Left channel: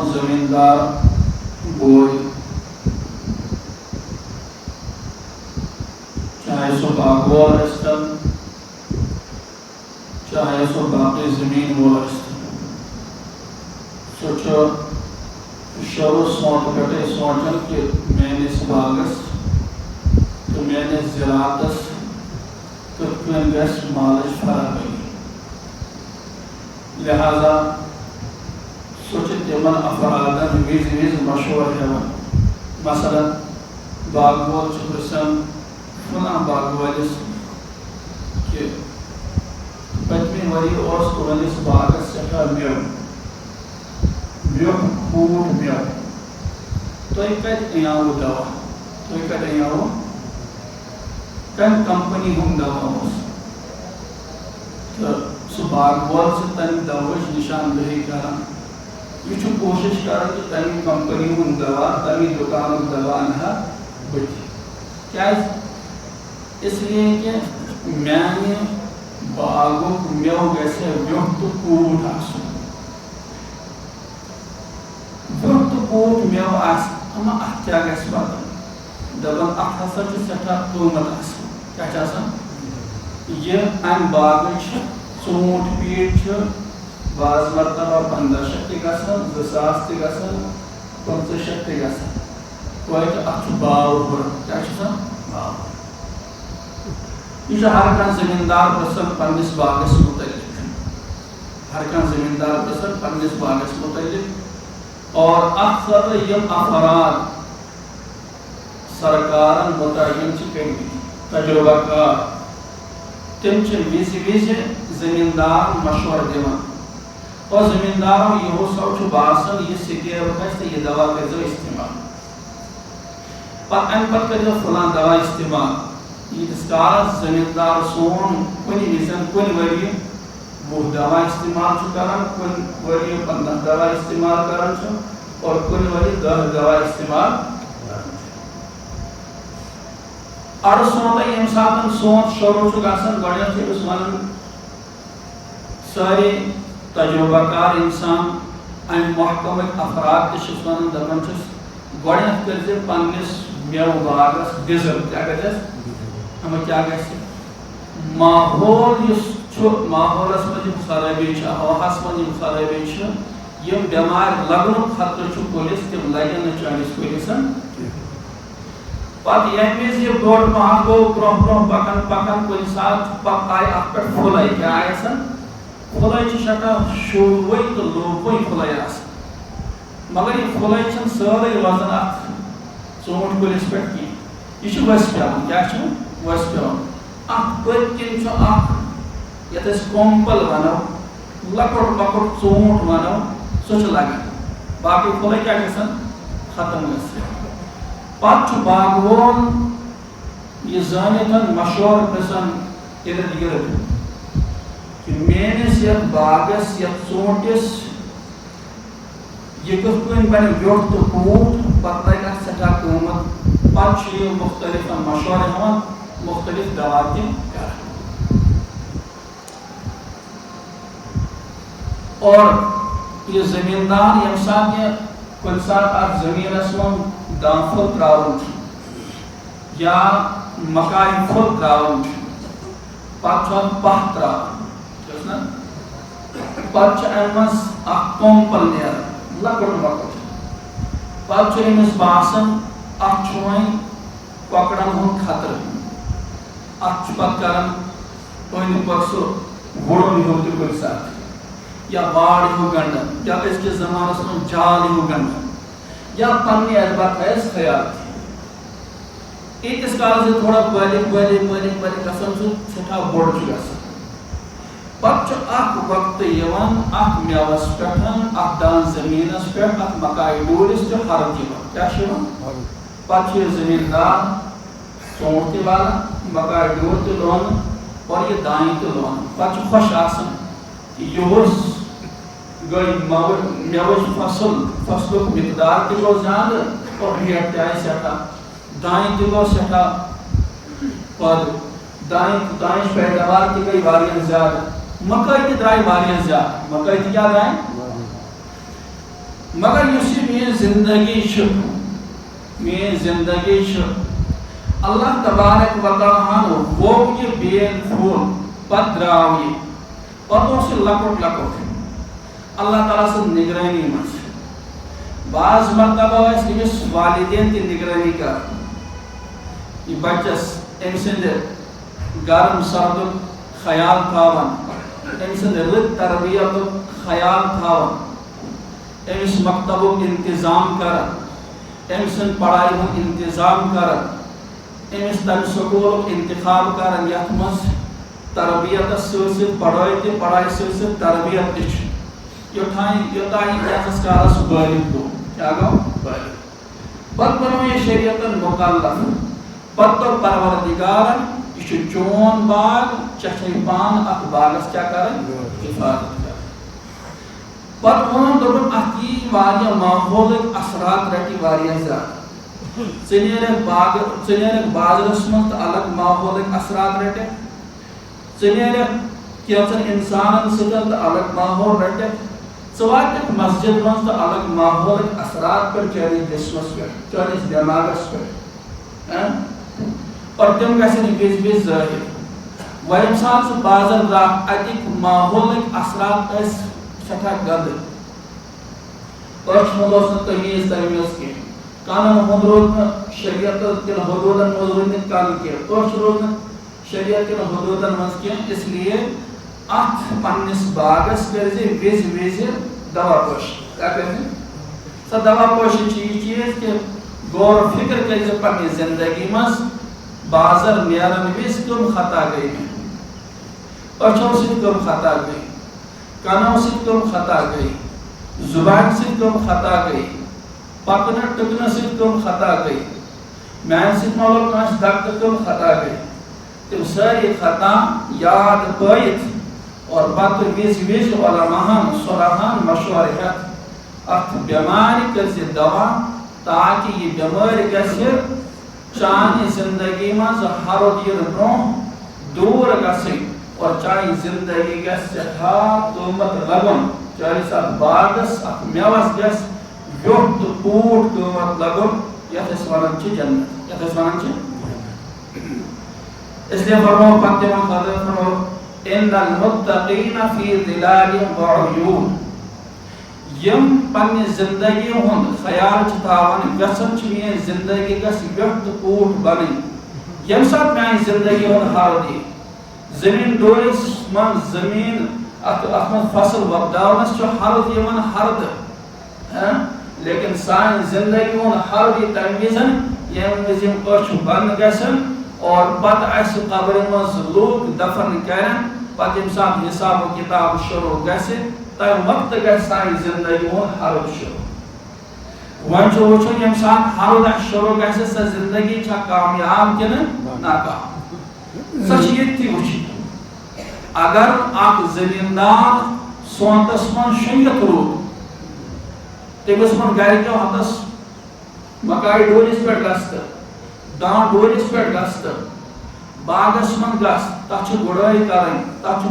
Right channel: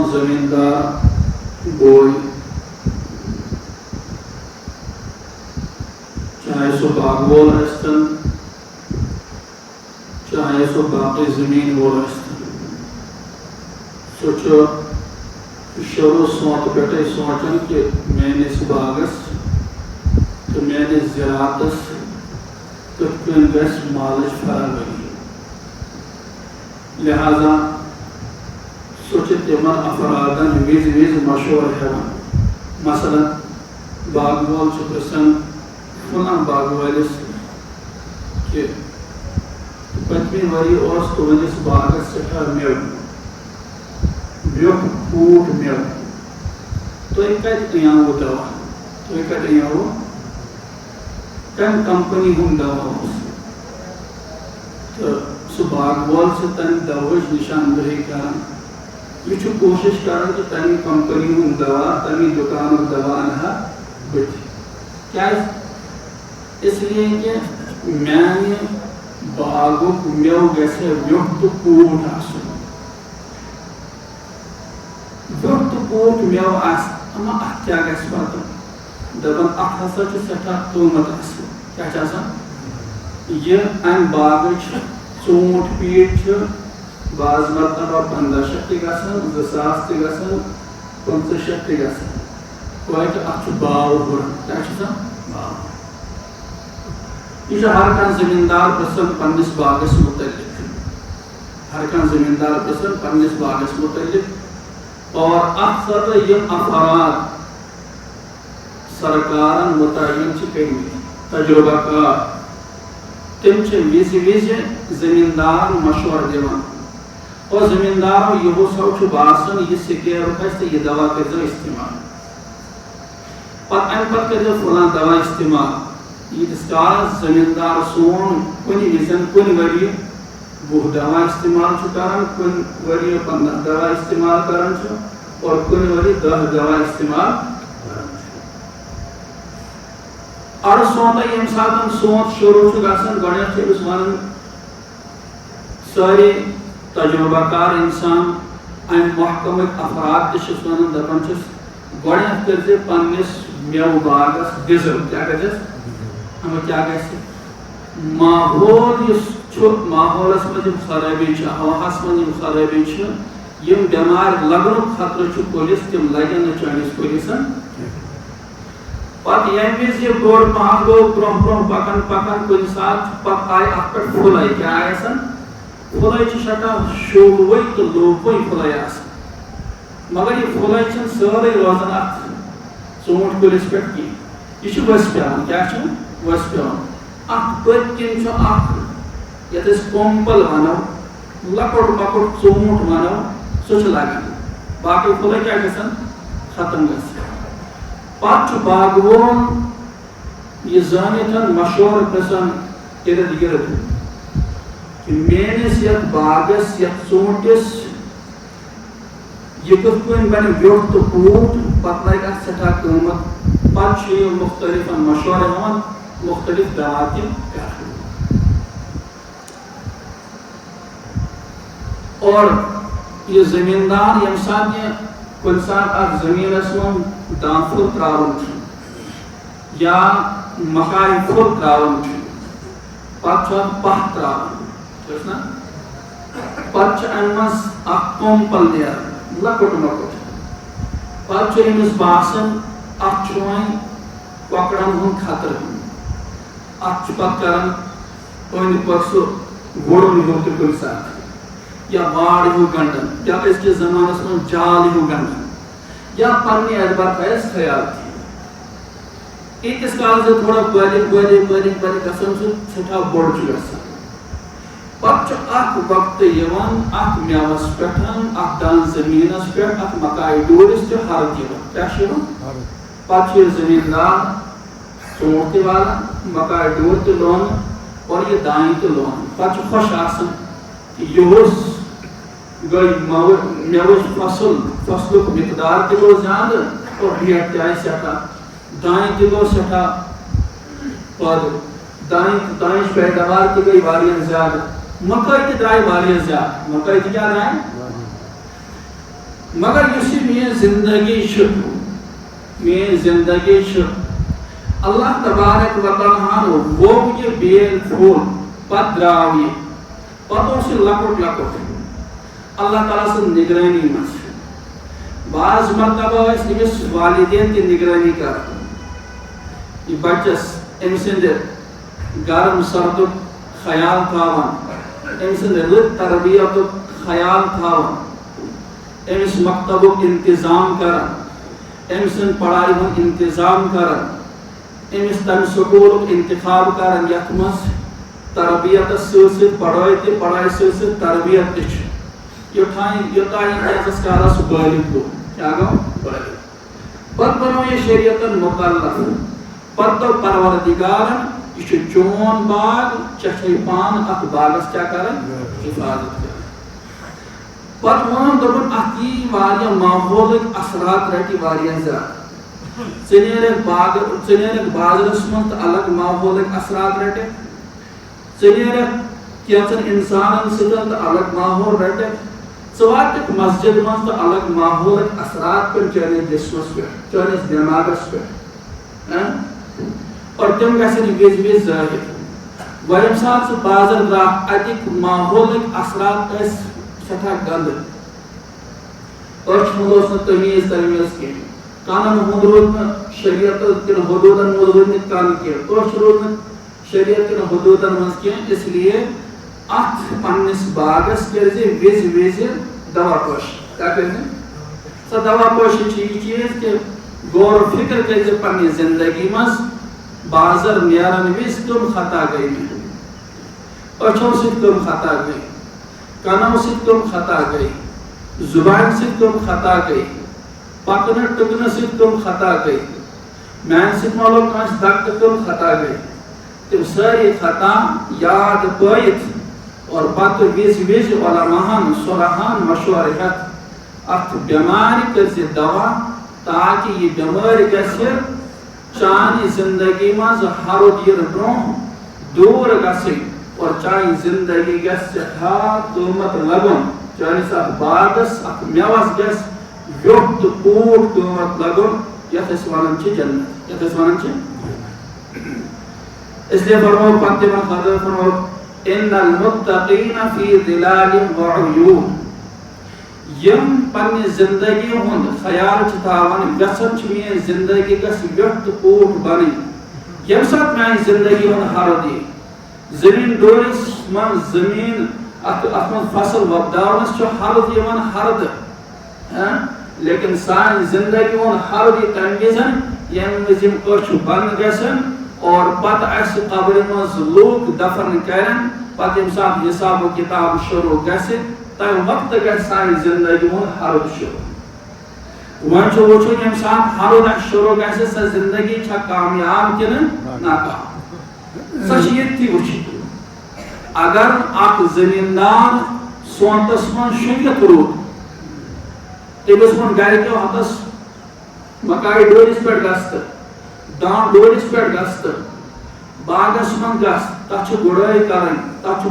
سون زمیندار بوئی چاہے سو باغوال ٲسۍتن چاہے سو باقی زمین وول ٲسۍتن سُہ چھُ شروع سونتہٕ پٮ۪ٹھے سونچان کہ میٲنِس باغس تہٕ میٲنِس زِراعتس کِتھ کٔنۍ گژھِ مالٕچ فراوٲری لہذا سُہ چھُ تِمن افرادن وِزِ وِزِ مشورٕ ہٮ۪وان مثلاً باغہٕ وول چھُ پرژھان فلاں باغہٕ وٲلِس کہ پٔتمہِ ؤری اوس تُہنٛدِس باغس سٮ۪ٹھاہ مٮ۪وٕ بیٛوکھ کھوٗٹ مٮ۪وٕ تُہۍ کتہِ أنیاوٕ دوا تُہۍ کتہِ أنیاوٕ کمہِ کمپنی ہُنٛد دوا اوس تہٕ سُہ باغہٕ وول چھُ تمہِ دوہٕچ نشاندہی کران یہ چھُ کوشش کران کہ تمہِ کمپنی ہُنٛد دوا تمہِ دُکانُک دوا انہا بٕتھِ کیازِ اس لیے کہ میانہِ باغُک مٮ۪وٕ گژھِ ہے ویوٚٹھ تہٕ کوٗٹ آسُن ویوٚٹھ تہٕ کوٗٹ مٮ۪وٕ آسہِ اما اتھ کیاہ گژھِ پتہٕ دپان اتھ ہسا چھُ سٮ۪ٹھاہ قۭمت آسان کیاہ چھُ آسان یہ امہِ باغٕچ ژوٗنٛٹھۍ پیٖٹۍ چھِ بعض مرتبہ 1500 تہِ گژھان 2000 تہِ گژھان 1500 تہِ گژھان توتہِ اتھ چھُ باو ہُران کیاہ چھُ آسان باو یہ ہر کانٛہہ زمیٖندار پرژھان پننِس باغس متعلق ہر کانٛہہ زمیٖندار پرژھان پننِس باغس متعلق اور اتھ خٲطرٕ یِم افراد سرکارن متعین چھِ کٔرمٕتۍ تجربہ کار تم چھِ وِزِ وِزِ زمیٖندارن مشورٕ دِوان اور زمیٖندارو یِہُس چھُ باسان یہِ سکیب کھسہِ تہٕ یہِ دوا کٔرۍزیو استعمال پتہٕ امہِ پتہٕ کٔرۍزیو فلاں دوا استعمال ییٖتِس کالس زمیٖندار سون کُنہِ وِزِ کُنہِ ؤرۍ 10 دوا استعمال چھُ کران کُنہِ ؤرۍ 15 دوا استعمال کران چھُ اور کُنہِ ؤرۍ 10 دوا استعمال اڑٕ سونتھے ییٚمہِ ساتہٕ سونت شروع چھُ گژھان گۄڈٕنیتھ چھِ أمِس ونان سٲری تجربہ کار انسان امہِ محکمٕکۍ افراد تہِ چھِس ونان دپان چھِس گۄڈٕنیتھ کٔرۍزِ پننِس مٮ۪وٕ باغس غذا کیاہ کٔرۍزٮ۪س اما کیاہ گژھِ ماحول یُس چھُ ماحولس منٛز یِم خرٲبی چھِ ہواہس منٛز یِم خرٲبی چھِ یِم بٮ۪مارِ لگنُک خطرٕ چھُ کُلِس تِم لگن نہٕ چٲنِس کُلِس پتہٕ ییٚمہِ وِزِ یہِ بوٚڑ پہم گوٚو برونٛہہ برونٛہہ پکان پکان کُنہِ ساتہٕ پتہٕ آیہِ اتھ پٮ۪ٹھ پھُلے کیاہ آسان پھُلے چھِ سٮ۪ٹھاہ شوٗبوٕے تہٕ لوٗبوٕے پھُلے آسان مگر یہِ پھُلے چھنہٕ سٲرٕے روزان اتھ ژوٗنٛٹھۍ کُلِس پٮ۪ٹھ کینٛہہ یہِ چھُ ؤسۍ پیوان کیاہ چھُ ؤسۍ پیوان اتھ پٔتۍ کِنۍ چھُ اکھ یتھ أسۍ کومپل ونو لۄکُٹ مۄکُٹ ژوٗنٛٹھ ونو سُہ چھُ لگان باقٕے پھُلے کیاہ گژھان ختم گژھِ پتہٕ چھُ باغہٕ وول یہِ زٲنِتھ مشورٕ پرژھان اِرد گرد کہ میٲنِس یتھ باغس یتھ ژوٗنٛٹھِس یہِ کِتھ کٔنۍ بنہِ ویوٚٹھ تہٕ کوٗٹ پتہٕ لگہِ اتھ سٮ۪ٹھاہ قۭمت پتہٕ چھُ یہِ مختلف مشورٕ ہٮ۪وان مختلف دوا تہِ کران اور یہِ زمیٖندار ییٚمہِ ساتہٕ یہِ کُنہِ ساتہٕ اتھ زٔمیٖنس منٛز دانہِ پھوٚل تراوان چھُ یا مکایہِ پھوٚل تراوان چھُ پتہٕ چھُ اتھ پاہ تراوان چھُس نا پتہٕ چھُ امہِ منٛز اکھ کومپل نیران لۄکُٹ مۄکُٹ پتہٕ چھُ أمِس باسان اتھ چھُ وۄنۍ کۄکرن ہُنٛد خطرٕ اتھ چھُ پتہٕ کران أنٛدۍ پٔکۍ سُہ وُڑُن ہیوٗ تہِ کُنہِ ساتہٕ یا واڑ ہیوٗ گنڈان یا أزکِس زمانس منٛز جال ہیوٗ گنڈان یا پننہِ اعتبار تھایس خیال ییٖتِس کالس یہِ تھوڑا بٔلِتھ بٔلِتھ بٔلِتھ بٔلِتھ گژھان چھُ سٮ۪ٹھاہ بوٚڑ چھُ گژھان پتہٕ چھُ اکھ وقتہٕ یِوان اتھ مٮ۪وس پٮ۪ٹھ اتھ دان زٔمیٖنس پٮ۪ٹھ اتھ مکایہِ ڈوٗرِس تہِ ہرُد یِوان کیاہ چھُ یِوان پتہٕ چھُ یہِ زٔمیٖندار ژوٗنٛٹھ تہِ والان مکایہِ ڈوٗر تہِ لونان اور یہِ دانہِ تہِ لونان پتہٕ چھُ خۄش آسان یِہُس گٔے مٮ۪وٕچ فصلُک مقدار تہِ گوٚو زیادٕ اور ریٹ تہِ آیہِ سٮ۪ٹھاہ دانہِ تہِ گوٚو سٮ۪ٹھاہ پٲدٕ دانِچ پیداوار تہِ گٔے واریاہ زیادٕ مکٲے تہِ درٛاے واریاہ زیادٕ مکٲے تہِ کیاہ درٛاے مگر یُس یہِ میٛٲنۍ زندگی چھِ میٛٲنۍ زندگی چھِ اللہ تبارک و تعالیٰ ہن ووٚو یہِ بیل پھوٚل پتہٕ درٛاو یہِ پتہٕ اوس یہِ لۄکُٹ لۄکُٹ اللہ تعالیٰ سٕنٛز نگرٲنی منٛز بعض مرتبہ ٲسۍ أمِس والدین تہِ نگرٲنی کران یہِ بچس أمۍ سٕنٛدِ گرم سردُک خیال تھاوان أمۍ سٕنٛدِ رٕتۍ تربیتُک خیال تھاوان أمِس مکتبُک انتظام کران أمۍ سٕنٛدِ پڑھایہِ ہُنٛد انتظام کران أمِس تمہِ سکوٗلُک انتخاب کران یتھ منٛز تربیتس سۭتۍ سۭتۍ پڑھٲے تہِ پڑھایہِ سۭتۍ سۭتۍ تربیت تہِ چھِ یوٚتام یہِ ییٖتِس کالس بالغ گوٚو کیٛاہ گوٚو بالغ پتہٕ بنوو یہِ شریعتن مُکلف پتہٕ دوٚپ پروردگارن یہِ چھُ چون باغ ژےٚ چھے پانہٕ اتھ باغس کیٛاہ کرٕنۍ حفاظت کرٕنۍ پتہٕ ووٚن دوٚپُن اتھ یی واریاہ ماحولٕکۍ اثرات رٹہِ واریاہ زیادٕ ژٕ نیرکھ بازرس منٛز تہٕ الگ ماحولٕکۍ اثرات رٹکھ ژٕ نیرکھ کینٛژن انسانن سۭتۍ تہٕ الگ ماحول رٹکھ ژٕ واتکھ مسجد منٛز تہٕ الگ ماحولٕکۍ اثرات پٮ۪ٹھ چٲنِس جسمس پٮ۪ٹھ چٲنِس دٮ۪ماغس پٮ۪ٹھ اور تِم گژھن وِزِ وِزِ ظٲہر وۄنۍ ییٚمہِ ساتہٕ ژٕ بازر درٛاکھ اَتِکۍ ماحولٕکۍ اثرات ٲسۍ سٮ۪ٹھاہ گنٛدٕ أچھ ہُنٛد اوس نہٕ تمیٖز کینٛہہ کانن ہُنٛد روٗد نہٕ شریعت کٮ۪ن حدوٗدن منٛز روٗدمٕتۍ کن کینٛہہ أچھ روٗد نہٕ شریعت کٮ۪ن حدوٗدن منٛز کینٛہہ اس لیے اتھ پننس باغس کٔرزِ وِزِ وِزِ دوا پٲشی کیٛاہ کٔرزِ سۄ دوا پٲشی چھِ یہِ چیٖز کہِ غور و فکر کٔرزِ پننہِ زندگی منٛز بازر نیرن وِزِ کٕم خطا گٔے مےٚ أچھو سۭتۍ کٕم خطا گٔے کنو سۭتۍ کٕم خطا گٔے زُبانہِ سۭتۍ کٕم خطا گٔے پکنہٕ ٹٕکنہٕ سۭتۍ کٕم خطا گٔے میانہِ سۭتۍ ما لوٚگ کٲنٛسہِ دکہٕ تہٕ کٕم خطا گٔے تِم سٲری خطا یاد پٲیِتھ اور پتہٕ وِزِ وِزِ علماہن صلحن مشورٕ ہٮ۪تھ اتھ بٮ۪مارِ کٔرزِ دوا تاکہِ یہِ بٮ۪مٲرۍ گژھِ چانہِ زندگی منٛز ہرُد یِنہٕ برونٛہہ دوٗر گژھٕنۍ اور چانہِ زندگی گژھِ سٮ۪ٹھاہ قۭمت لگُن چٲنِس اتھ باغس اتھ مٮ۪وس گژھِ ویوٚٹھ تہٕ پوٗٹھ قۭمت لگُن یتھ أسۍ ونان چھِ جنت یتھ أسۍ ونان چھِ اس لیے فرمو پتہٕ تِمن خٲطرٕ فرمو ان المتقین فی ظلال وعیون یم پننہِ زندگی ہُنٛد خیال چھِ تھاوان یژھان چھِ میٲنۍ زندگی گژھِ ویوٚٹھ تہٕ پوٗٹھ بنٕنۍ ییٚمہِ ساتہٕ میانہِ زندگی ہُنٛد ہرُد یی زٔمیٖن ڈورِس منٛز زٔمیٖن اتھ منٛز فصل وۄپداونس چھُ ہرُد یِوان ہردٕ لیکن سانہِ زندگی ہُنٛد ہرُد یی تمہِ وِزِ ییٚمہِ وِزِ یِم أچھ بنٛد گژھن اور پتہٕ اسہِ قبرِ منٛز لوٗکھ دفن کرن پتہٕ ییٚمہِ ساتہٕ حساب و کِتاب شروٗع گژھِ تمہِ وقتہٕ گژھِ سانہِ زندگی ہُنٛد ہرُد شروٗع وۄنۍ چھُ وٕچھُن ییٚمہِ ساتہٕ ہرُد اسہِ شروٗع گژھِ سۄ زندگی چھا کامیاب کِنہٕ ناکام سۄ چھِ ییٚتھی وٕچھِتھ اگر اکھ زٔمیٖندار سونتس منٛز شۄنٛگِتھ روٗد تٔمِس ووٚن گرِکیو ہتس مکایہِ ڈوٗرِس پٮ۪ٹھ گژھ تہٕ دان ڈوٗرِس پٮ۪ٹھ گژھ تہٕ باغس منٛز گژھ تتھ چھِ گُڈٲے کرٕنۍ تتھ چھُ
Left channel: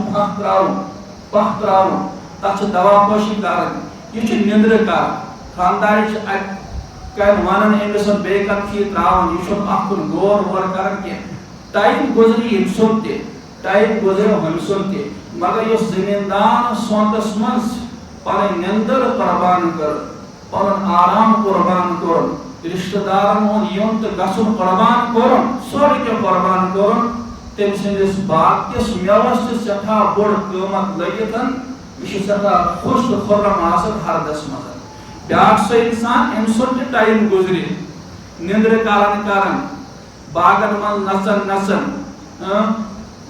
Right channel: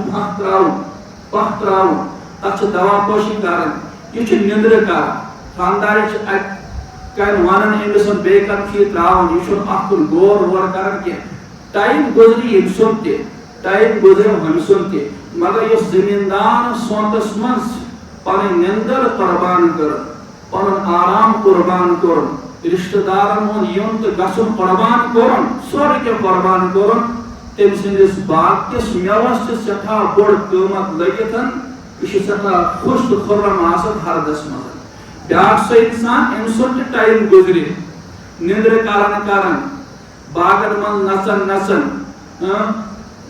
پاہ تراوُن تتھ چھِ دوا پٲشی کرٕنۍ یہِ چھُ نِندرٕ کران خاندارِ چھِ اتہِ کَنہِ ونان أمِس بیٚیہِ کتھ چھِ یہِ تراوان یہِ چھُنہٕ اتھ کُن غور وور کران کینٛہہ ٹایم گُزرِ ییٚمہِ سُنٛد تہِ ٹایم گُزریو ہُمہِ سُنٛد تہِ مگر یُس زٔمیٖندار سونتس منٛز پنٕنۍ نِندٕر قۄربان کٔر پنُن آرام قۄربان کوٚرُن رشتہٕ دارن ہُنٛد یُن تہٕ گژھُن قۄربان کوٚرُن سورُے کینٛہہ قۄربان کوٚرُن تٔمۍ سٕنٛدِس باغکِس مٮ۪وس چھِ سٮ۪ٹھاہ بوٚڑ قۭمت لٔگِتھ یہِ چھُ سٮ۪ٹھاہ خۄش تہٕ خُرم آسان ہردس منٛز بیاکھ سُہ انسان أمۍ سُنٛد تہِ ٹایم گُزرِ نِندرٕ کران باغن منٛز نژان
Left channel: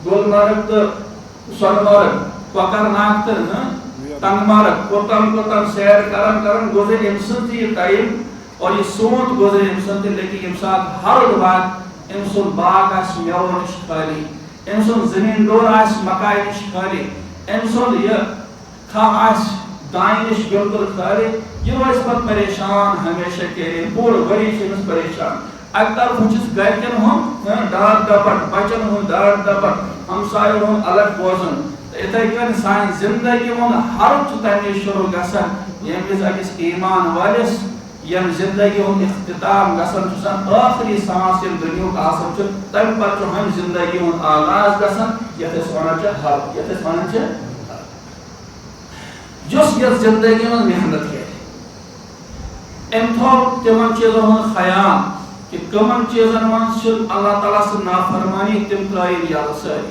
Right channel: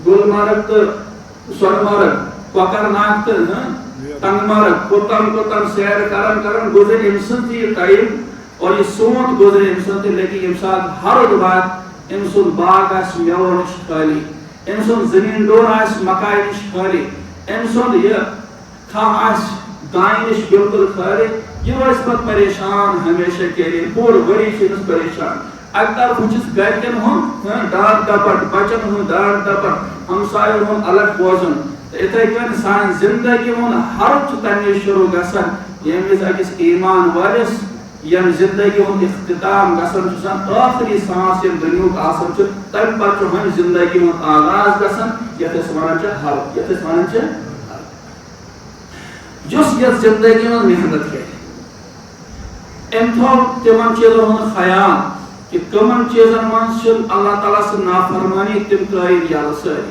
گُلمرگ تہٕ سۄنہٕ مرگ کۄکر ناگ تہٕ ٹنٛگ مرگ کوٚتام سیر کران گُزرِ أمۍ سُنٛد تہِ یہِ ٹایم اور یہِ سونت گُزرِ أمۍ سُنٛد تہِ لیکن ییٚمہِ ساتہٕ ہرُد واتہِ أمۍ سُنٛد باغ آسہِ مٮ۪وو نِش خٲلی أمۍ سُنٛد زٔمیٖن ڈوٗر آسہِ مکایہِ نِش خٲلی أمۍ سُنٛد یہِ کھہہ آسہِ دانہِ نِش بِلکُل خٲلی یہِ روزِ پتہٕ پریشان ہمیشہ کے لیے پوٗرٕ ؤری چھِ أمِس پریشان اکہِ طرفہٕ چھُس گرِکٮ۪ن ہُنٛد ڈار ڈپٹ بچن ہُنٛد ڈار ڈپٹ ہمساین ہُنٛد الگ بوزُن تہٕ یِتھٕے کٔنۍ سانہِ زندگی ہُنٛد ہرُد چھُ تمہِ وِزِ شروٗع گژھان ییٚمہِ وِزِ أکِس ایٖمان وٲلِس ییٚمہِ زِندگی ہُنٛد اختتام گژھان چھُ آسان ٲخری سانس ییٚمہِ دُنیُک آسان چھُ تَمہِ پتہٕ چھُ وۄنۍ زِندگی ہُنٛد آغاز گژھان یَتھ أسۍ وَنان چھِ حل یَتھ أسۍ وَنان چھِ یُس یَتھ زِندگی منٛز محنت کرِ أمۍ تھوٚو تِمن چیٖزن ہُنٛد خیال کہ کمن چیزن منٛز چھِ اللہ تعالیٰ سٕنٛز نافرمٲنی تِم ترٲیِن یلہٕ سٲری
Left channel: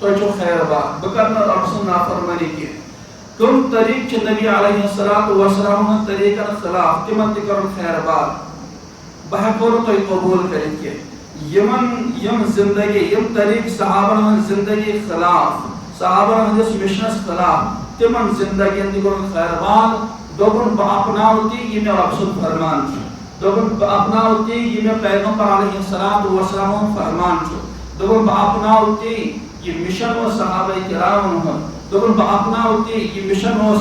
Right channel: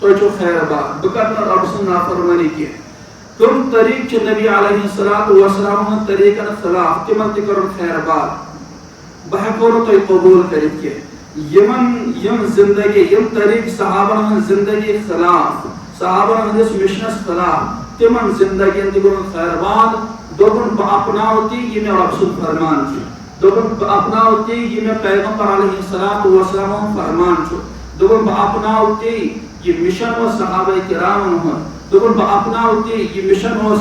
تُہۍ چھِو خیر باغ بہٕ کرٕ نہٕ رۄبہٕ سٕنٛز نافرمٲنی کینٛہہ کم طریقہٕ چھِ نبی علیہ الصلوۃ والسلام ہٕنٛدۍ طریٖقن خلاف تِمن تہِ کوٚرُن خیر باغ بہٕ ہٮ۪کو نہٕ تۄہہِ قبوٗل کٔرِتھ کینٛہہ یِم زندگی یِم طریٖقہٕ صحابن ہٕنٛز زندگی خلاف صحابن ہٕنٛدِس مِشنس خلاف تِمن زندگین تہِ کوٚرُن خیر باغ دوٚپُن بہٕ اپناو تی یہِ مےٚ رۄبہٕ سُنٛد فرمان چھُ دوٚپُن بہٕ اپناو تی یہِ مےٚ پیغمبر علیہ الصلوۃ والسلام ہُنٛد فرمان چھُ دوٚپُن بہٕ اپناو تی یہِ مِشن اوس صحابہ کرامن ہُنٛد دوٚپُن بہٕ اپناو تی یہِ مِشن اوس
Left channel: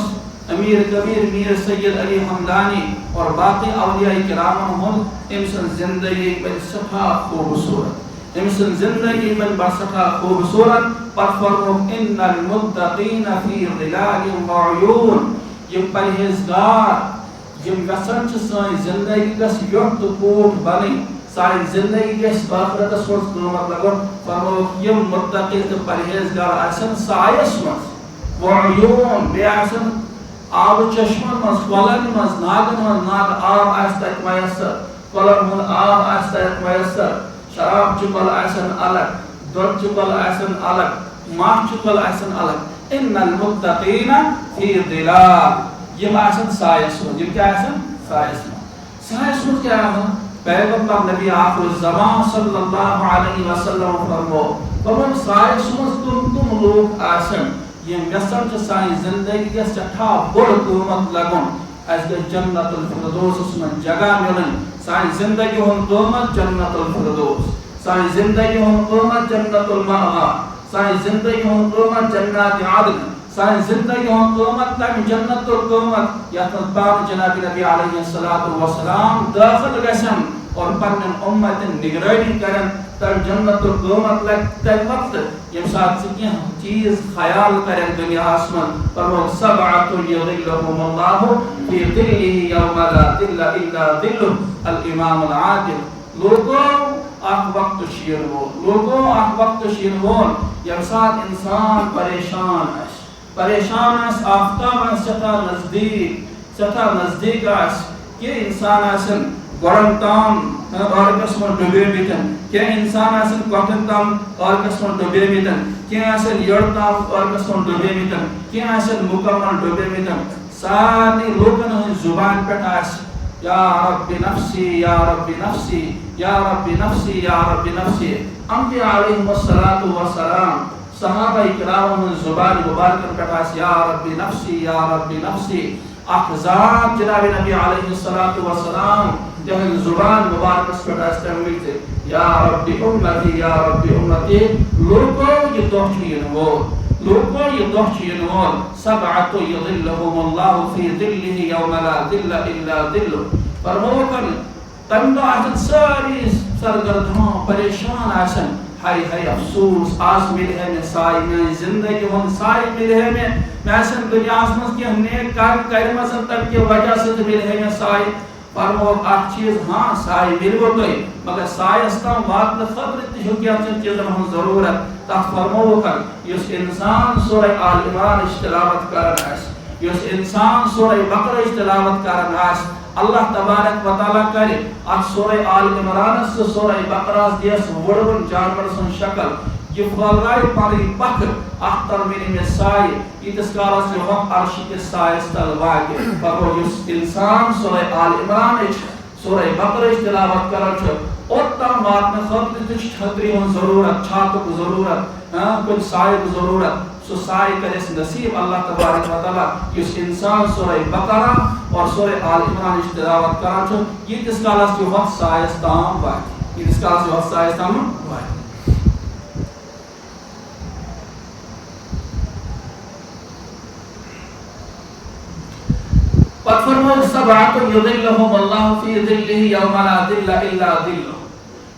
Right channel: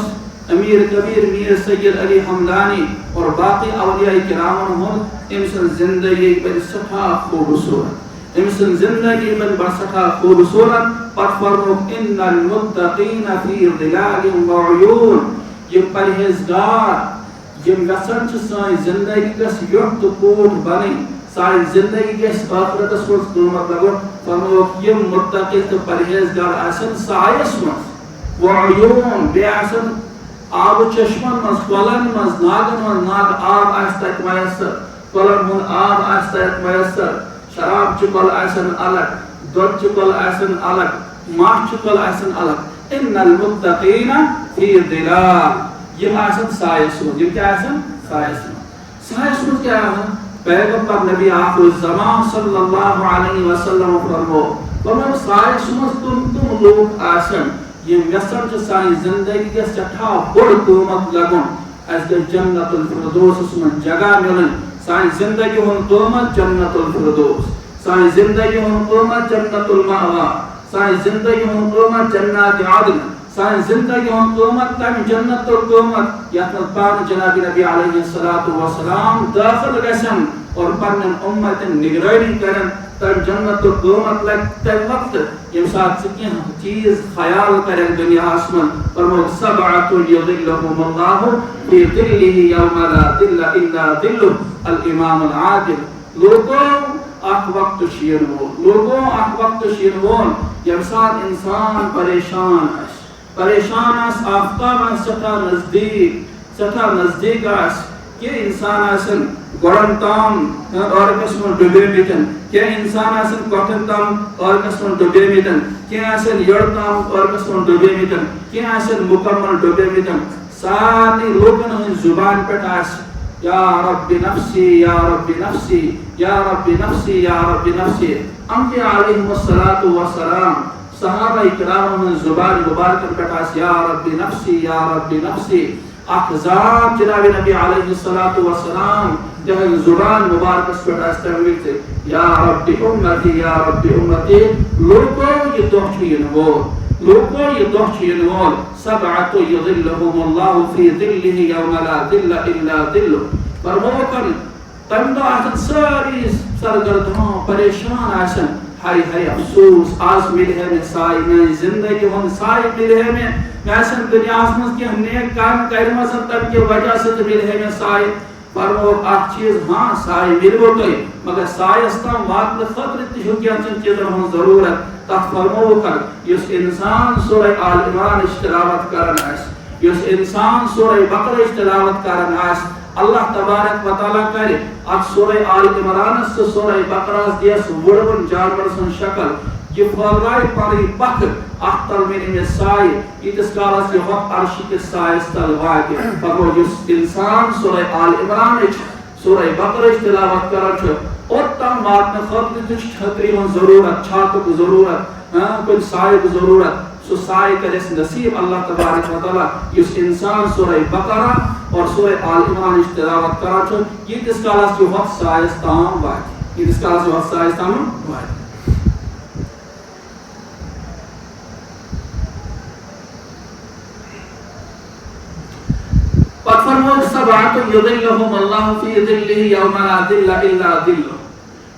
امیر کبیر میر سید علی حمدانی اور باقی اولیاء کرامن ہُنٛد أمۍ سٕنٛز زندگی بنہِ سٮ۪ٹھاہ خوٗبصوٗرت أمۍ سٕنٛز زندگی بنہِ بڑٕ سٮ۪ٹھاہ خوٗبصوٗرت پتہٕ فرمووُکھ اِنَّ الْمُتَّقِينَ فِي ظِلَالٍ وَعُيُونٍ یِم پرہیزگار یِم یژھان چھِ سٲنۍ زندگی گژھِ ویوٚٹھ تہٕ کوٗٹھ بنٕنۍ سانہِ زندگی گژھِ ٲخرتس منٛز قۭمت لگُن فرمووُکھ یِم مُتقی تہٕ پرہیزگار آسن سایس منٛز وعیوٗن بیٚیہِ آسن آبہٕ چشمن منٛز کۄلن منٛز ناگن منٛز ناگہٕ آب آسہِ تتہِ میسر کۄلن ہُنٛد آب آسہِ تتہِ میسر شراب چہِ کۄلہٕ آسن الگ دۄدچہِ کۄلہٕ آسن الگ ماچھِ کۄلہٕ آسن الگ اِنَّ الْمُتَّقِينَ فِي ظِلَالٍ یِم آسن سایس منٛز یِم کیٛاہ آسن سایس منٛز سایس منٛز کیٛاہ آسن پیغمبر نبی آخر الزمان صلی اللہ علیہ وسلم فرموو سایس منٛز تِم لوٗکھ آسن یِم یژھان چھِ سانہِ زندگی گژھِ سٮ۪ٹھاہ بوٚڑ قۭمت لگُن اَسہِ گژھِ جنت الفردوسس منٛز جگہ مِلٕنۍ سانہِ زندگی ہُنٛد قۭمت جنت الفردوس سانہِ زندگی ہُنٛد قۭمت جنت المأوا سانہِ زندگی ہُنٛد قۭمت جنات عدن سانہِ زندگی ہُنٛد قۭمت تمہِ جنت قۭمت یتھ منٛز پانہٕ جناب نبی علیہ الصلوۃ والسلام دٲخل گژھن اور پننٮ۪ن اُمتن نگرٲنی کرن تمہِ جنت قۭمت لگہِ تمہِ وقتہٕ ییٚمہِ ساتہٕ ژٕ کینٛہہ چیٖز خیال کرکھ دُنیاہس منٛز فرمووُکھ سبعۃ یظلُّہُمُ اللہِ فی ظِلِّہِ یومَ لا ظِلَّ اِلَّا ظِلُّهُ الامام العادل لوٗکو اکھ وقت چھُ یِنہٕ وول لوٗکو اکھ وقت چھُ یِنہٕ وول ییٚمہِ ساتہٕ اِنسان پریشان آسہِ آفتاب آسہِ سٮ۪ٹھاہ نزدیٖک آسہِ کینٛہہ اِنسان آسن گۄڈن تام ٲرکس منٛز ڈُبیمٕتۍ کینٛہہ اِنسان آسن کۄٹھٮ۪ن تام ٲرکس منٛز ڈُبیمٕتۍ کینٛہہ آسن یٔڈ تام ٲرکس منٛز ڈُبیمٕتۍ کینٛہہ آسن مُکمل ڈُبیمٕتۍ سارنٕے لوٗکن ہٕنٛدِ زُبانہِ پٮ۪ٹھ آسہِ یا ربِ نفسی یا ربِ نفسی یا ربِ نفسی یا ربِ نفسی انبیاء علیہم الصلوۃ والسلام صحابہ کرامن ہٕنٛز زُبانہِ مُبارکن پٮ۪ٹھ آسہِ یا ربِ نفسی یا ربِ نفسی اکھ ذات جناب نبی علیہ الصلوۃ والسلام تہنٛزِ زُبان مُبارکس پٮ۪ٹھ آسہِ تمہِ وِزِ یا ربِ اُمتی یا ربِ اُمتی لوٗکو یہِ دۄہ چھُ یِنہٕ وول لوٗکو یہِ دۄہ چھُ یِنہٕ وول سبعۃ یظلُّہُمُ اللہِ فی ظِلِّہِ یومَ لا ظِلَّ اِلَّا ظِلُّهُ فرمووُکھ تمہِ دۄہ آسن سٲری سرگردان پریشان آسن ہاے ہاے افسوس آز مِلہِ ہے مےٚ سایہِ میٛانہِ زندگی ہُنٛد سایہِ مِلہِ ہے مےٚ آسن دُنیاہس منٛز کینٛہہ نیک کامہِ کرِمژٕ تمہِ کہِ وجہ سۭتۍ مِلہِ ہے مےٚ سایہِ فرمووُکھ اکھ چیٖز ہاں سایہِ مِلوٕ تۄہہِ مگر سایس تام واتنہٕ خٲطرٕ تہِ چھُ کینٛژن چیٖزن ہٕنٛز ضروٗرت تتھ فرمووُکھ یُس انسان سورہ آل عمرانٕچ تلاوت کران آسہِ یُس انسان سورہ بقرٕچ تلاوت کران آسہِ اللہ تبارک و تعالیٰ کرِ اتھ سورہ آل عمرانس تہٕ سورہ بقرہس دِیس وُڑوُن جانور سٕنٛز شکل یہِ پھٲلرایہِ پنٕنۍ پکھٕ اتھ تل مِلہِ مےٚ سایہِ ییٖتِس کالس یہِ ہۄتھ عرشہِ کِس سایس تل واتہِ فرموو یُس انسان سورہ آل عمرانٕچ سورہ بقرٕچ تلاوت کران چھُ اوٚتام واتنہٕ خٲطرٕ تہِ چھُ چھتری ہُنٛد ضروٗرت چھاتُک ضروٗرت کُنہِ سایُک ضروٗرت سُہ سایہِ کرٮ۪س نصیٖب اللہ تبارک و تعالیٰ یُس انسان سورہ بقرہ اور سورہ آل عمرانٕچ تلاوت کران چھُ ییٖتِس کالس یہِ ہۄتھ سایس تام واتہِ ییٖتِس کالس یہِ ہۄتھ سایس تام واتہِ پتہٕ فرمووُکھ سبعۃ یظلُّہُمُ اللہِ فی ظِلِّہِ یومَ لا ظِلَّ اِلَّا ظِلُّهُ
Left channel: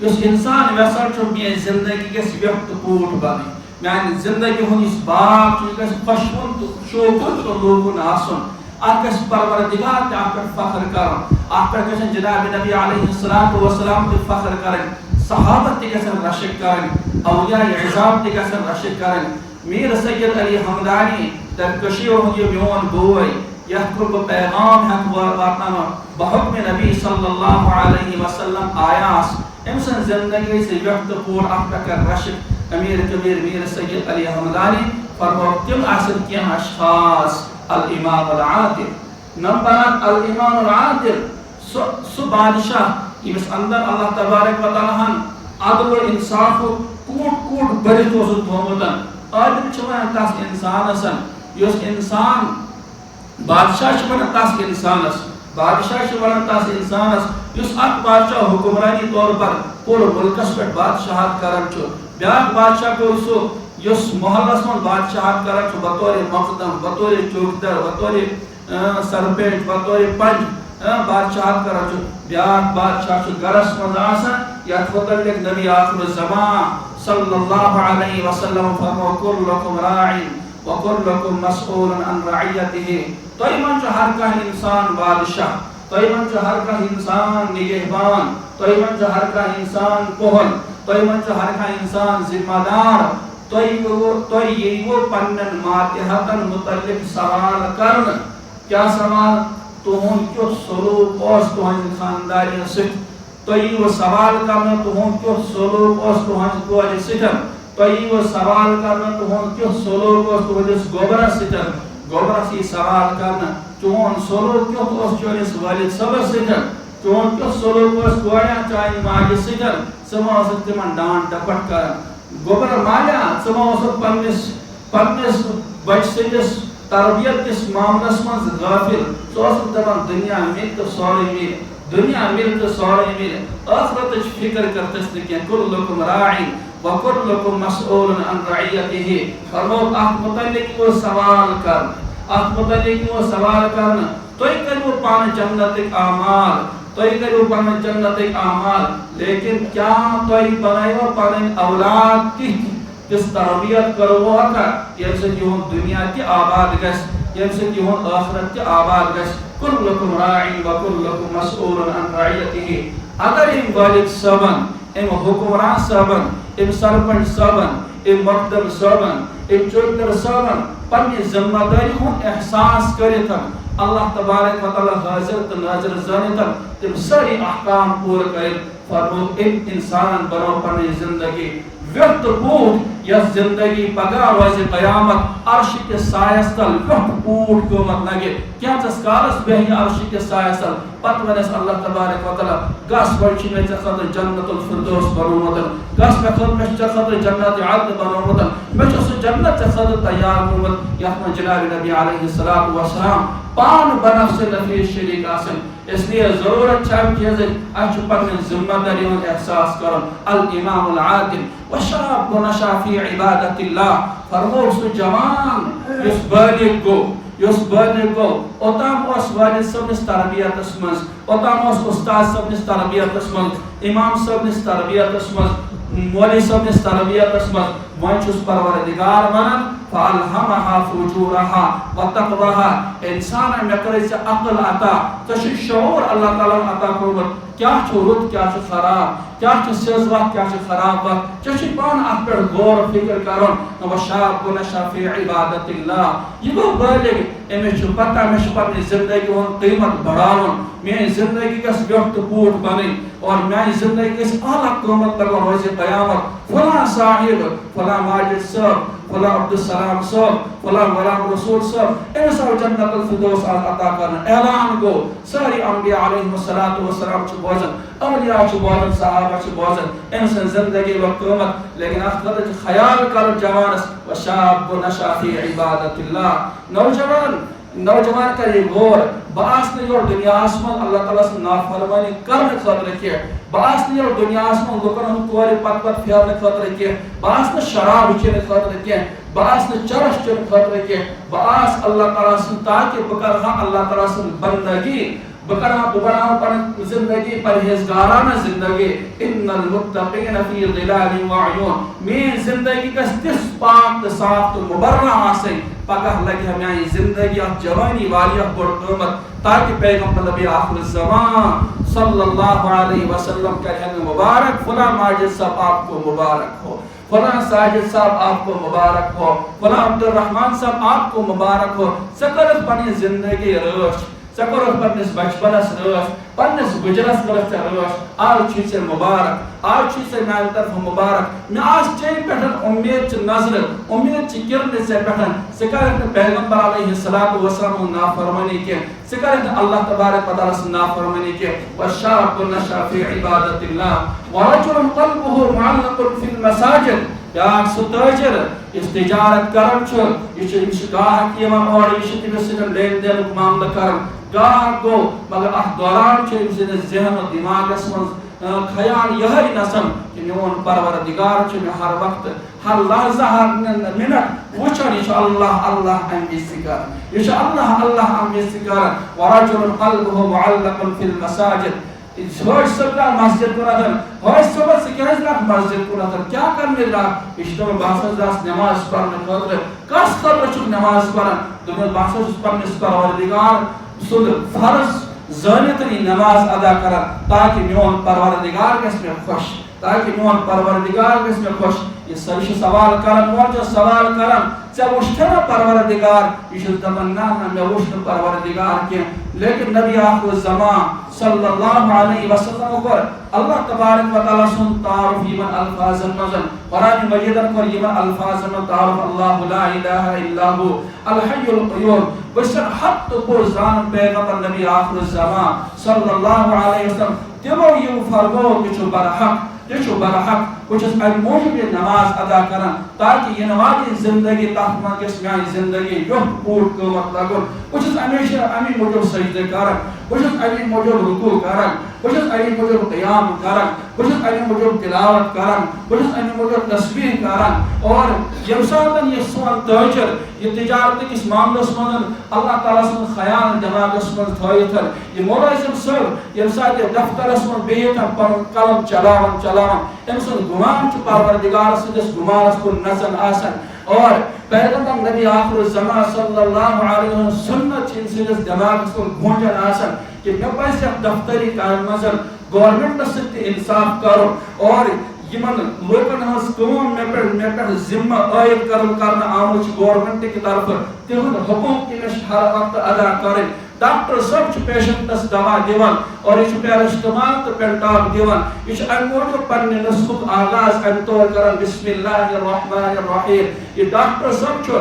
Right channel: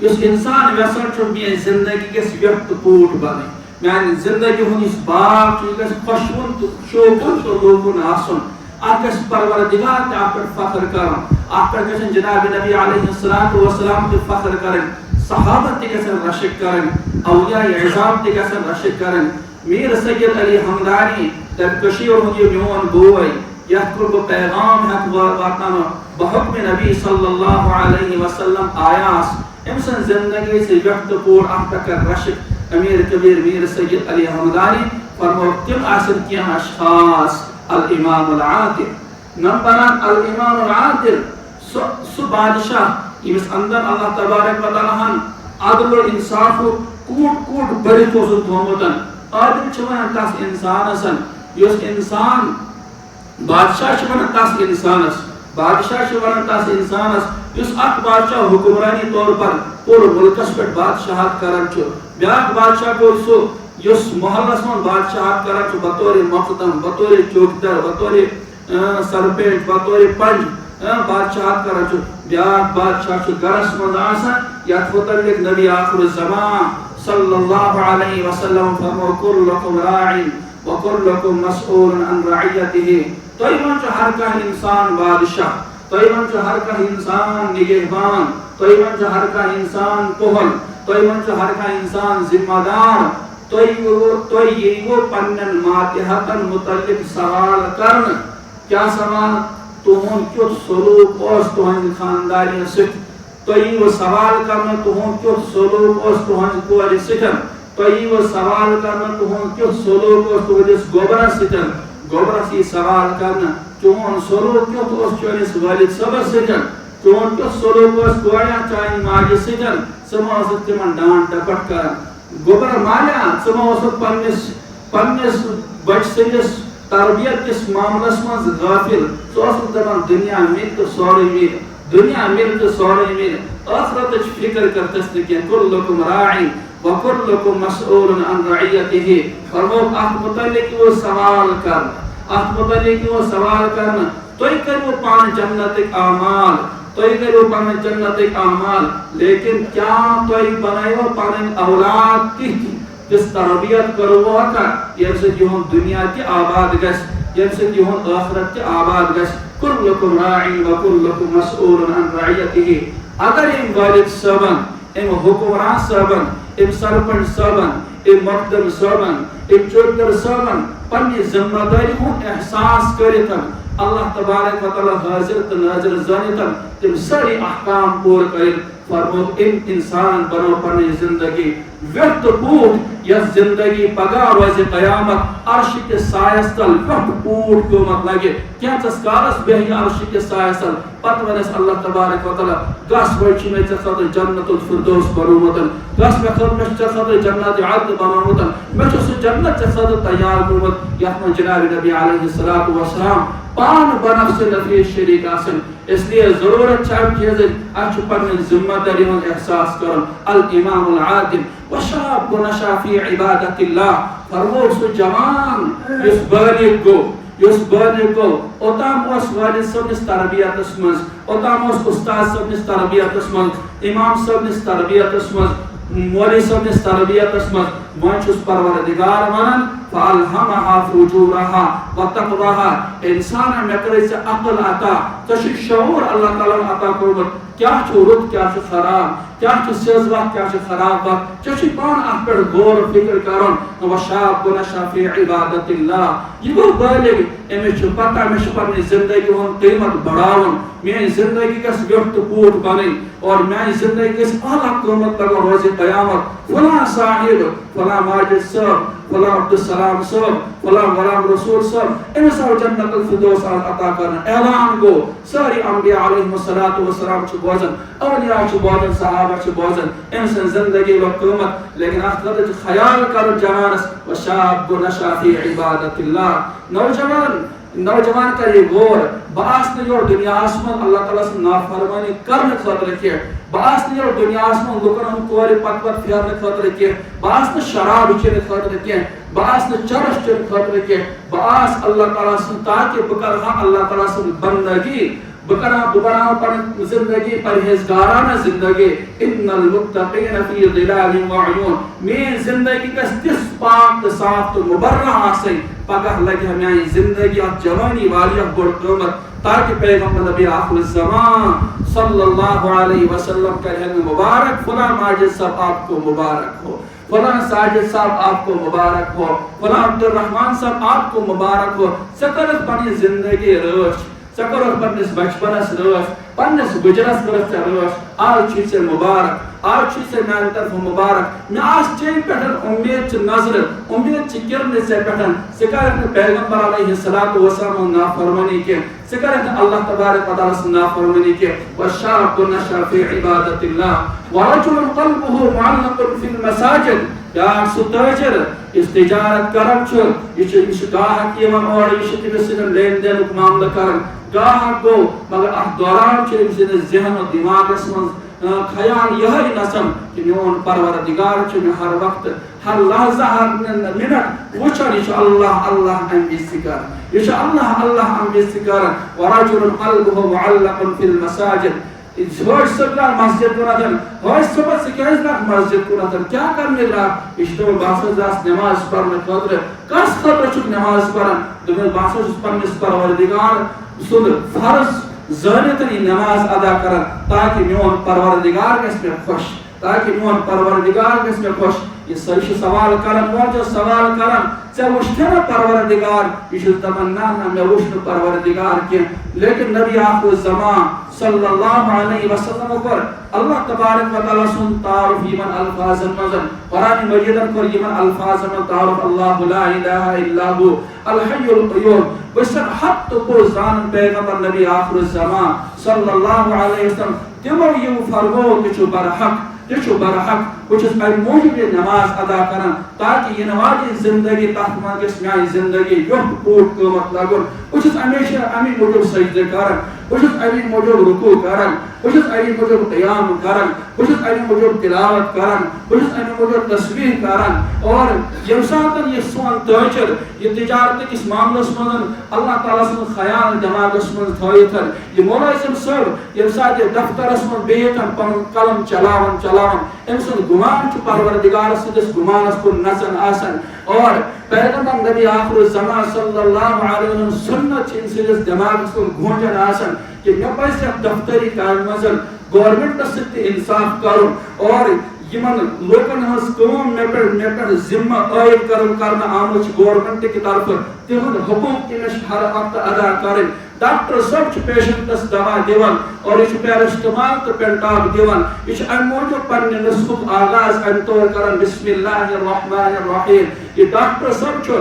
یُس انسان یژھان چھُ میٛٲنۍ زندگی گژھِ ویوٚٹھ تہٕ کوٗٹھ بنٕنۍ میٛانہِ زندگی ہُنٛد یُس باغ چھُ یہِ گژھِ خۄشوُن تہٕ شوٗبوُن تہٕ لوٗبوُن آسُن اکس پروردگار تے اپ فخر کرن اپ گژھن جناب نبی علیہ الصلوۃ والسلام تے فخر کرن صحابہ تے گژھن رشک کرن اولیاء اعظام تے گژھن رشک کرن میر سید علی حمدانی تر کشیر یہ میون بوئی یہ کو پیغام حق واتنا بحکم نبی صلی اللہ علیہ وسلم آیاس امسن زندگی سے وقت پور اپ کر رشک امیر کبیر میر سید علی حمدانی فرمو تم آسن کیا اشخاص الامام العادل نمبر الامام العادل سو بادشاہ اس اندر اللہ تبارک و تعالی عدل و انصاف کوٹ کوٹ بڑی تو تھومتن عادل چھوان تاس انسان اسن یس انسان بادشاہ چھوان تاس انسان اس بادشاہ چھوان تاس انسان اس یس اک بادشاہ حکمرانی طور پر پور ملکس پر بادشاہت کرن چھو بیاک بادشاہ کو سو یس محلس من بادشاہت کرن چھو بطور مقدم بطور چوکدر بطور سرپیٹ بطور پنج بادشاہت کرن چھو بیاک بادشاہ چھو گرس من آسن یت متعلق نبی آخر الزمان صلی اللہ علیہ وسلم فرمو کلکم راعی وکلکم مسئول عن رعیته توئی من چھو ہر کا انسان بادشاہ توئی من چھو ہر کا انسان نگہبان توئی من چھو ہر کا انسان پہل توئی من چھو ہر کا انسان ذمہ دار توئی یہ پنن ماتحتن متعلق سوال کرن کیا سوال تہن کیت سلوک اس تہن خانداری سک توئی وہ سوال کرنا تہن کیت سلوک اس تہن کور سکن توئی وہ سوال کرنا تہن کیت سلوک اس تہنس گوبرہ سکن گوبرہ سی سوال کرنا چون سلوک کیت اس چونس والد صبر سکن چون کیت سلوک اس کویا چانی ماجی سکن سما اس تمن ڈانٹ ڈپٹ کرن گوبر مالا سما اس پنس بچ سندس تربیت کس معاملس من غافل سو اس دپان دنیا مل تو سوری مل دنیا مل تو سوری مل آخرت فکر کرتس نکین کلکم راعی وکلکم مسئول عن رعیته فرمو اخ متعلق وہ سوال کر اخ متعلق وہ سوال کرنا توئی کرو پان جنت اعمال توئی کرو پان جنت اعمال لیکن کیا توئی بنائیو پان اولاد کی کس تربیت کرو کا یم سے جہن دنیا کی آباد گس یم سے جہن آخرت کی آباد گس کلکم راعی وکلکم مسئول عن رعیته اگر ام والد صاحبن ام حکمران صاحبن ام سرپنچ صاحبن ام مقدم صاحبن ام چوکدر صاحبن پنی ذمہ داری ہن احساس کرتن اللہ تبارک و تعالی حاضر تو ناظر زانتن تم ساری احکام پور کرت فرمو ام انسان بنو پنی زندگی وقت پوٹ یا زندگی پگا روز قیامت عرش کے سایس تل وقت پوٹ کو مت لگے کیا چسکارس بہی عرش کے سایس تل پت ونس اللہ تبارک و تعالی گاس بچی میں خاطر جنت الفردوس برومتن گاس میں خاطر جنت عدن برومتن میں چھ جنت خاطر تیار کرمت یا جناب نبی علیہ الصلوۃ والسلام پان بنفس نفیس شریک آسن اس لیے ضرورت چاہیے کہ اچھ پنن ذمہ داری ہن احساس کرن الامام العادل وشاب نشا فی عبادت اللہ فرمو سو جوان اس بالغ کو اوتام اس والد صاحب نس تربیت اسمز اوتام اس استاد صاحب نس تربیت اسمز امام صاحب نس تربیت اسمز مولی صاحب نس تربیت اسمز وانچ پروردگار ونن فالهمها فجورها وتقواها انسان میں کرے سے عقل عطا تش شعور اللہ تعالی عطا کرمت کیا چھ رت کیا چھ خراب کیا چھ سیز وقت کیا چھ خراب وقت چھ پان اپ پر غور فکر کرن و شاب نشا فی عبادت اللہ یہ گو بالغ امی چھ پتہ میں پنی زندگی ہن قیمت بڑھاون میں زندگی کس وقت پوٹ بنی اور میں زندگی کس اعلی قیمت لگا روز قیامت فلاں صاحب فلاں ماجد صاحب فلاں عبد السلام صاحب فلاں غلام رسول صاحب انسا جنت الفردوس عطا کرنا اعلان گو ساری انبیاء علیہ السلام چھ بوزن اولیاء چھ بوزن صحابہ چھ بوزن انسان زندگی و قیمت لیکن اخرت خیال کر جوانس و شاب نشا فی عبادت اللہ نوجوان کا یہ غور باس نے جو دنیا آسمان اللہ تعالیٰ سے نافرمانی کرنے خاطر کیا باس نے جو دنیا آسمان لوکن ہم کوئے پت پت پھیرنے خاطر کیا باس نے شراب چینے خاطر کیا باس نے چرش چینے خاطر کیا باس اللہ تعالیٰ سے تاکہ بکرہا اللہ تعالیٰ سے بندگی بناو پن زندگی پرہیزگارانہ زندگی ان المتقین فی ظلال وعیون میں زندگی گژھِ تِژھ پاک تو صاف تو مبرہ آسٕنۍ پگہ لگہِ میانہِ زندگی اتھ جوانی واریاہ بوٚڑ قۭمت تاکہ پیغمبر نبی آخر الزمان صلی اللہ علیہ وسلم کرے مبارک فلاں ماجد صاحب آپ کو مبارک ہو، فلاں ساجد صاحب آپ کو مبارک ہو، فلاں عبد الرحمان صاحب آپ کو مبارک ہو. ژےٚ کٔرٕتھ پننہِ زندگی رٲچھ، ژےٚ کوٚرُتھ پننِس بچپنس رٲچھ، پننِس گُجرس کٔرٕتھ ژےٚ رٲچھ، آز چھُے ژےٚ مبارک، آج چھُے ژےٚ میانہِ طرفہٕ مبارک. مےٚ آسہِ چیٚنۍ پٮ۪ٹھ اُمید چہِ نظرٕ، اُمید چہِ کِرنہِ ژےٚ پٮ۪ٹھ. ژٕ کَرکھ نہٕ پیغمبر علیہ الصلوۃ والسلام ہٕنٛز نافرمٲنی کینٛہہ، ژٕ کَرکھ نہٕ اللہ تبارک و تعالیٰ سٕنٛز نافرمٲنی کینٛہہ. وَالشَّابُ نَشَأَ فِی عِبَادَةِ اللہِ وَرَجُلٌ قَلْبُهُ مُعَلَّقٌ فِی الْمَسَاجِدِ. بیٛاکھ سُہ تٲجر یُس تجارت کران چھُ، یہِ چھُ گاہک یِوان اورٕ، یہِ چھُ تٔمِس سۭتۍ لین دینُک معاملہٕ کران. گاہک گوٚو مگر اتھ دوران چھُ أمۍ سٕنٛدِس ذہن و دِماغس منٛز خیال یہے نسن کہ میون پروردگار چھُ مےٚ ہر وقت ہر لحظہ ہر منٹ وٕچھان، یہِ چھُ اللہ اللہ امہِ وِزِ تہِ کران، یہِ چھُ اللہ اللہ امہِ وِزِ تہِ کران. وَرَجُلٌ قَلْبُهُ مُعَلَّقٌ فِی الْمَسَاجِدِ. ہٲج صٲب درٛاو مسجد کُنتھ، ہٲج صٲبہ ژٕ کیٛازِ درٛاکھ مسجد کُنتھ، کیٛاہ کرنہِ درٛاکھ؟ یہِ چھُ دَپان بہٕ ہسا درٛاس نٮ۪ماز پرنہٕ خٲطرٕ. کس خٲطرٕ چھُکھ نٮ۪ماز پران؟ دوٚپمَس بہٕ ہسا چھُس پننِس پروردگار سُنٛد فرض زٲنِتھ یہِ نٮ۪ماز ادا کران تاکہ میون پروردگار گژھِ مےٚ خۄش، تاکہ میون پروردگار گژھِ مےٚ خۄش. یہ سٲری سوال کران، مول چھُ سوال کران ژےٚ وٕچھتھٕ نا پروردگار؟ یہ چھُس دپان نہ نہ مےٚ وٕچھ نہٕ پروردگار کینٛہہ. لیکن نبی آخر الزمان صلی اللہ علیہ وسلم کوٚر اللہ تبارک و تعالیٰ سُنٛد تعارُف یِمن الفاظن منٛز. قرآن مجیدن کوٚر یِمن الفاظن منٛز تعارُف اللہ لا الہ الا هو الحی القیوم. بہٕ چھُسن حق تہٕ پوٚز زانان پیغمبر نبی آخر الزمان صلی اللہ علیہ وسلم تِمو یِم فرموو تہِ چھُ برحق، تہِ چھُ برحق. بہٕ چھُس امہِ موٗجوٗب یہِ نٮ۪ماز ادا کران تاکہ یِنہٕ واجٮ۪ن زندگی تتھ منٛز گژھِ میانہِ زندگی یوٚت بوٚڑ قۭمت لگُن. بہٕ چھُس ہمیشہ امی موٗجوٗب سجدٕ کران، بہٕ چھُس امی موٗجوٗب رکوع کران، بہٕ چھُس امی موٗجوٗب قیام کران، بہٕ چھُس امی موٗجوٗب تلاوت کران، بہٕ چھُس امی موٗجوٗب تسبیح کران. اور ییٚمہِ ساتہٕ یہِ سون تٲجر یہِ تجارت کِس معاملس منٛز اللہ تعالیٰ سُنٛد خیال دٮ۪ماغس منٛز تھٲیِتھ، یہِ مُلٲزِم صٲب ییٚمہِ ساتہٕ یہِ دفترس منٛز بِہِتھ پنُن قلم چلاوان أمۍ سُنٛد گُمان چھُ پروردگار سٕنٛدِس گُمانس کُن نژان آسان. اور پیغمبر نبی آخر الزمان صلی اللہ علیہ وسلم سنت چھِ أمۍ سٕنٛدِس دٮ۪ماغس کُن گوٗنجان آسان کہ مےٚ پزِ یتھ دفتری کامہِ منٛز گورمنٹس سۭتۍ تہِ انصاف کرُن اور یِمن لوٗکن ہٕنٛز کٲم مےٚ پٮ۪ٹھ ذمہٕ عٲید کرنہٕ آمٕژ چھِ گورمنٹ کہِ طرفہٕ، تِہُنٛد حقوٗق تہِ مےٚ چھِ ہر وقتہٕ ادا کرٕنۍ. ڈاکٹر صٲب چھُ پیشنٹس دوا دِوان اور یہِ چھُ پیرسٹمال تہٕ پینٹاپ دِوان. یہِ چھُ امہِ موٗجوٗب پننہِ نسخُک آغاز امہِ طور کران بسم اللہ الرحمن الرحیم. یہِ ڈاکٹر صٲب چھُ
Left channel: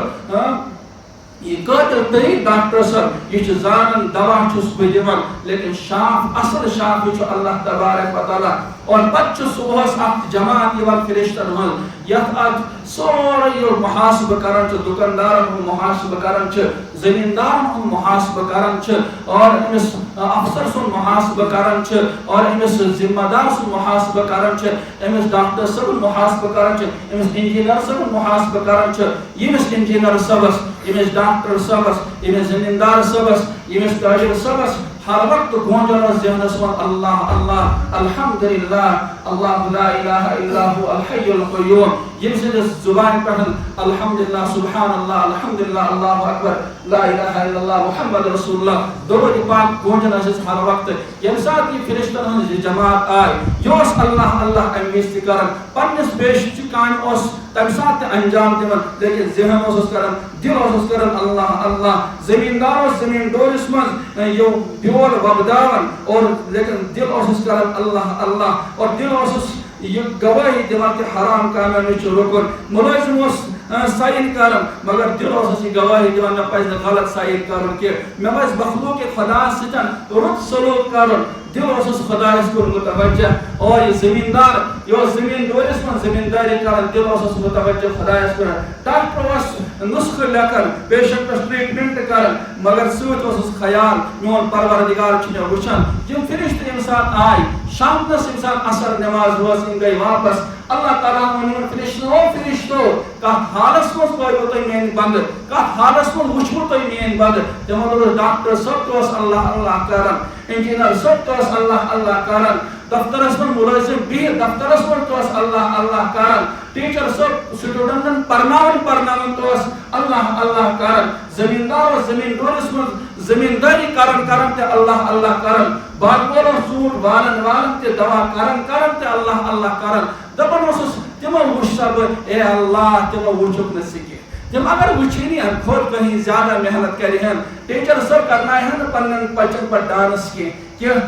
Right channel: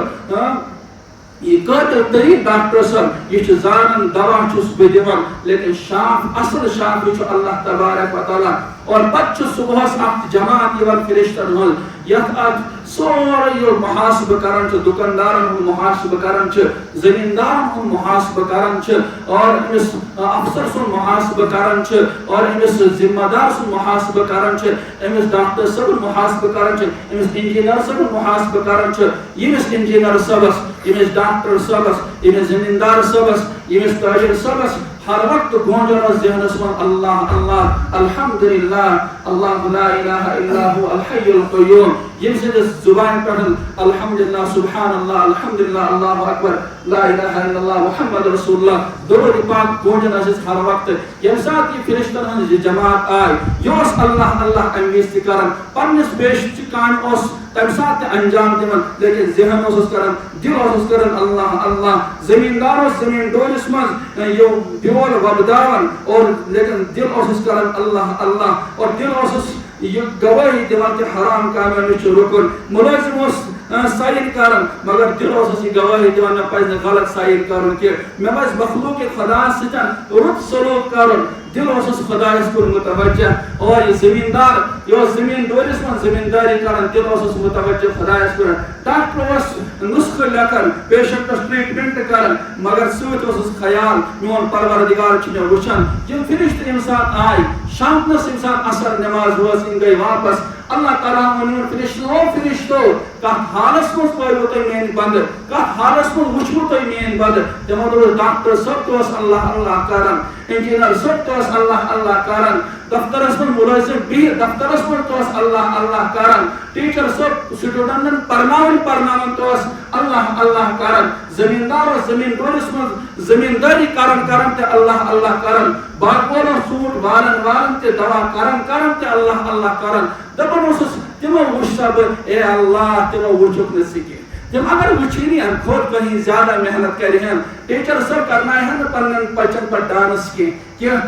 یہ قٲبل تریٖن ڈاکٹر صٲب، یہ چھُ زانان دوا چھُس بہٕ دِوان لیکن شاف اصل شاف چھُ اللہ تبارک و تعالیٰ. اور پتہٕ چھُ صبحس اکھ جماعت یِوان فرشتن ہٕنٛز یتھ اکھ سورُے یہِ محاسبہٕ کران چھُ، دُکاندارن ہُنٛد محاسبہٕ کران چھِ، زٔمیٖندارن ہُنٛد محاسبہٕ کران چھِ، اور أمِس افسر سُنٛد محاسبہٕ کران چھِ، اور أمِس ذمہٕ دار سُنٛد محاسبہٕ کران چھِ، أمِس ڈاکٹر صٲبُن محاسبہٕ کران چھِ، أمِس انجیٖنر صٲبُن محاسبہٕ کران چھِ. ییٚمِس انجیٖنر صٲبس، ییٚمِس ڈاکٹر صٲبس، ییٚمِس زٔمیٖندار صٲبس، ییٚمِس تٲجر صٲبس ہر وقت گونجان ذہنس منٛز اللہ اللہ الحمدللہ اللہ لا الہ الا هو الحی القیوم. ییٚمہِ سٕنٛدِس زُبانہِ پٮ۪ٹھ الحمدللہ سبحان اللہ الحمدللہ اللہ اکبر لا الہ الا اللہ محمد رسول اللہ درود پاک گونجان ٲسِس ہر وقت. ییٚمہِ ساتہٕ یہِ فرشتن ہٕنٛز یہِ جماعت آے یہِ اوس اللہ اللہ امہِ وِزِ تہِ کران، پننِس پیشچہِ کامہِ اوس تمہِ ساتہٕ تہِ انجام دِوان لیکن ذہن اوسُس کران، دل اوسُس کران اللہ اللہ. زٔمیٖندار اوس زٔمیٖن ڈورِس منٛز یہِ بیول وۄپداوان اور لیکن دل اوسُس کران اللہ اللہ، اور دل اوسُس یہ گواہی دِوان کہ حرام کامیو نِش چھُ رُکُن. مُلٲزِم اوس سایِن کران مگر دل اوسُس یہِ گواہی دِوان مےٚ پزِ نہٕ غلط سایِن کرُن کینٛہہ، مےٚ پزِ مخلوق خۄدا سۭتۍ رُت سلوٗک کرُن. دل اس خدایس کن متوجہ اور یہ زمیندار یہ زمین دورس من زمینداری کران دل اس متوجہ خدایس کن ڈاکٹر اس نسخہ لکھن پیشنٹس ٹریٹمنٹ کران مگر سوت اس خیال میون پروردگار چھ مے وچھان یم فرشتہ انسان آئی شامنس انسان اثر نماز روز ان گئی واپس اللہ تعالیٰ ون فرشتو کت حالس مز پٲیو تُہۍ میٲنۍ بندٕ کت حالس مز وٕچھوٕ تُہۍ میٲنۍ بندٕ تمو دوٚپ ڈاکٹر صٲب تہِ اوس اللہ اللہ کران انجینئر صٲب تہِ اوس اللہ اللہ کران دفترس منٛز مُلٲزم بِہِتھ دفترس منٛز تہِ اوس اللہ اللہ کران ٹیچر صٲب سٹوڈنٹن پرناوان تہِ اوس اللہ اللہ کران زمیندار اوس زمین دورس منٛز زمیندٲری کران تہِ اللہ اللہ کران باغوان اوس ژوٗنٛٹھ والان تہِ دوا کران تہِ اللہ اللہ کران دپان اوسُس تمو وٕچھ سا بہٕ اے اللہ تمو وٕچھُکھ نہٕ ژٕ کینٛہہ تم اگر وچھنی ہن خود کہیں زیادہ محنت کریں ٹیچر سر کرنا ہے پن بچن پر ڈانس کی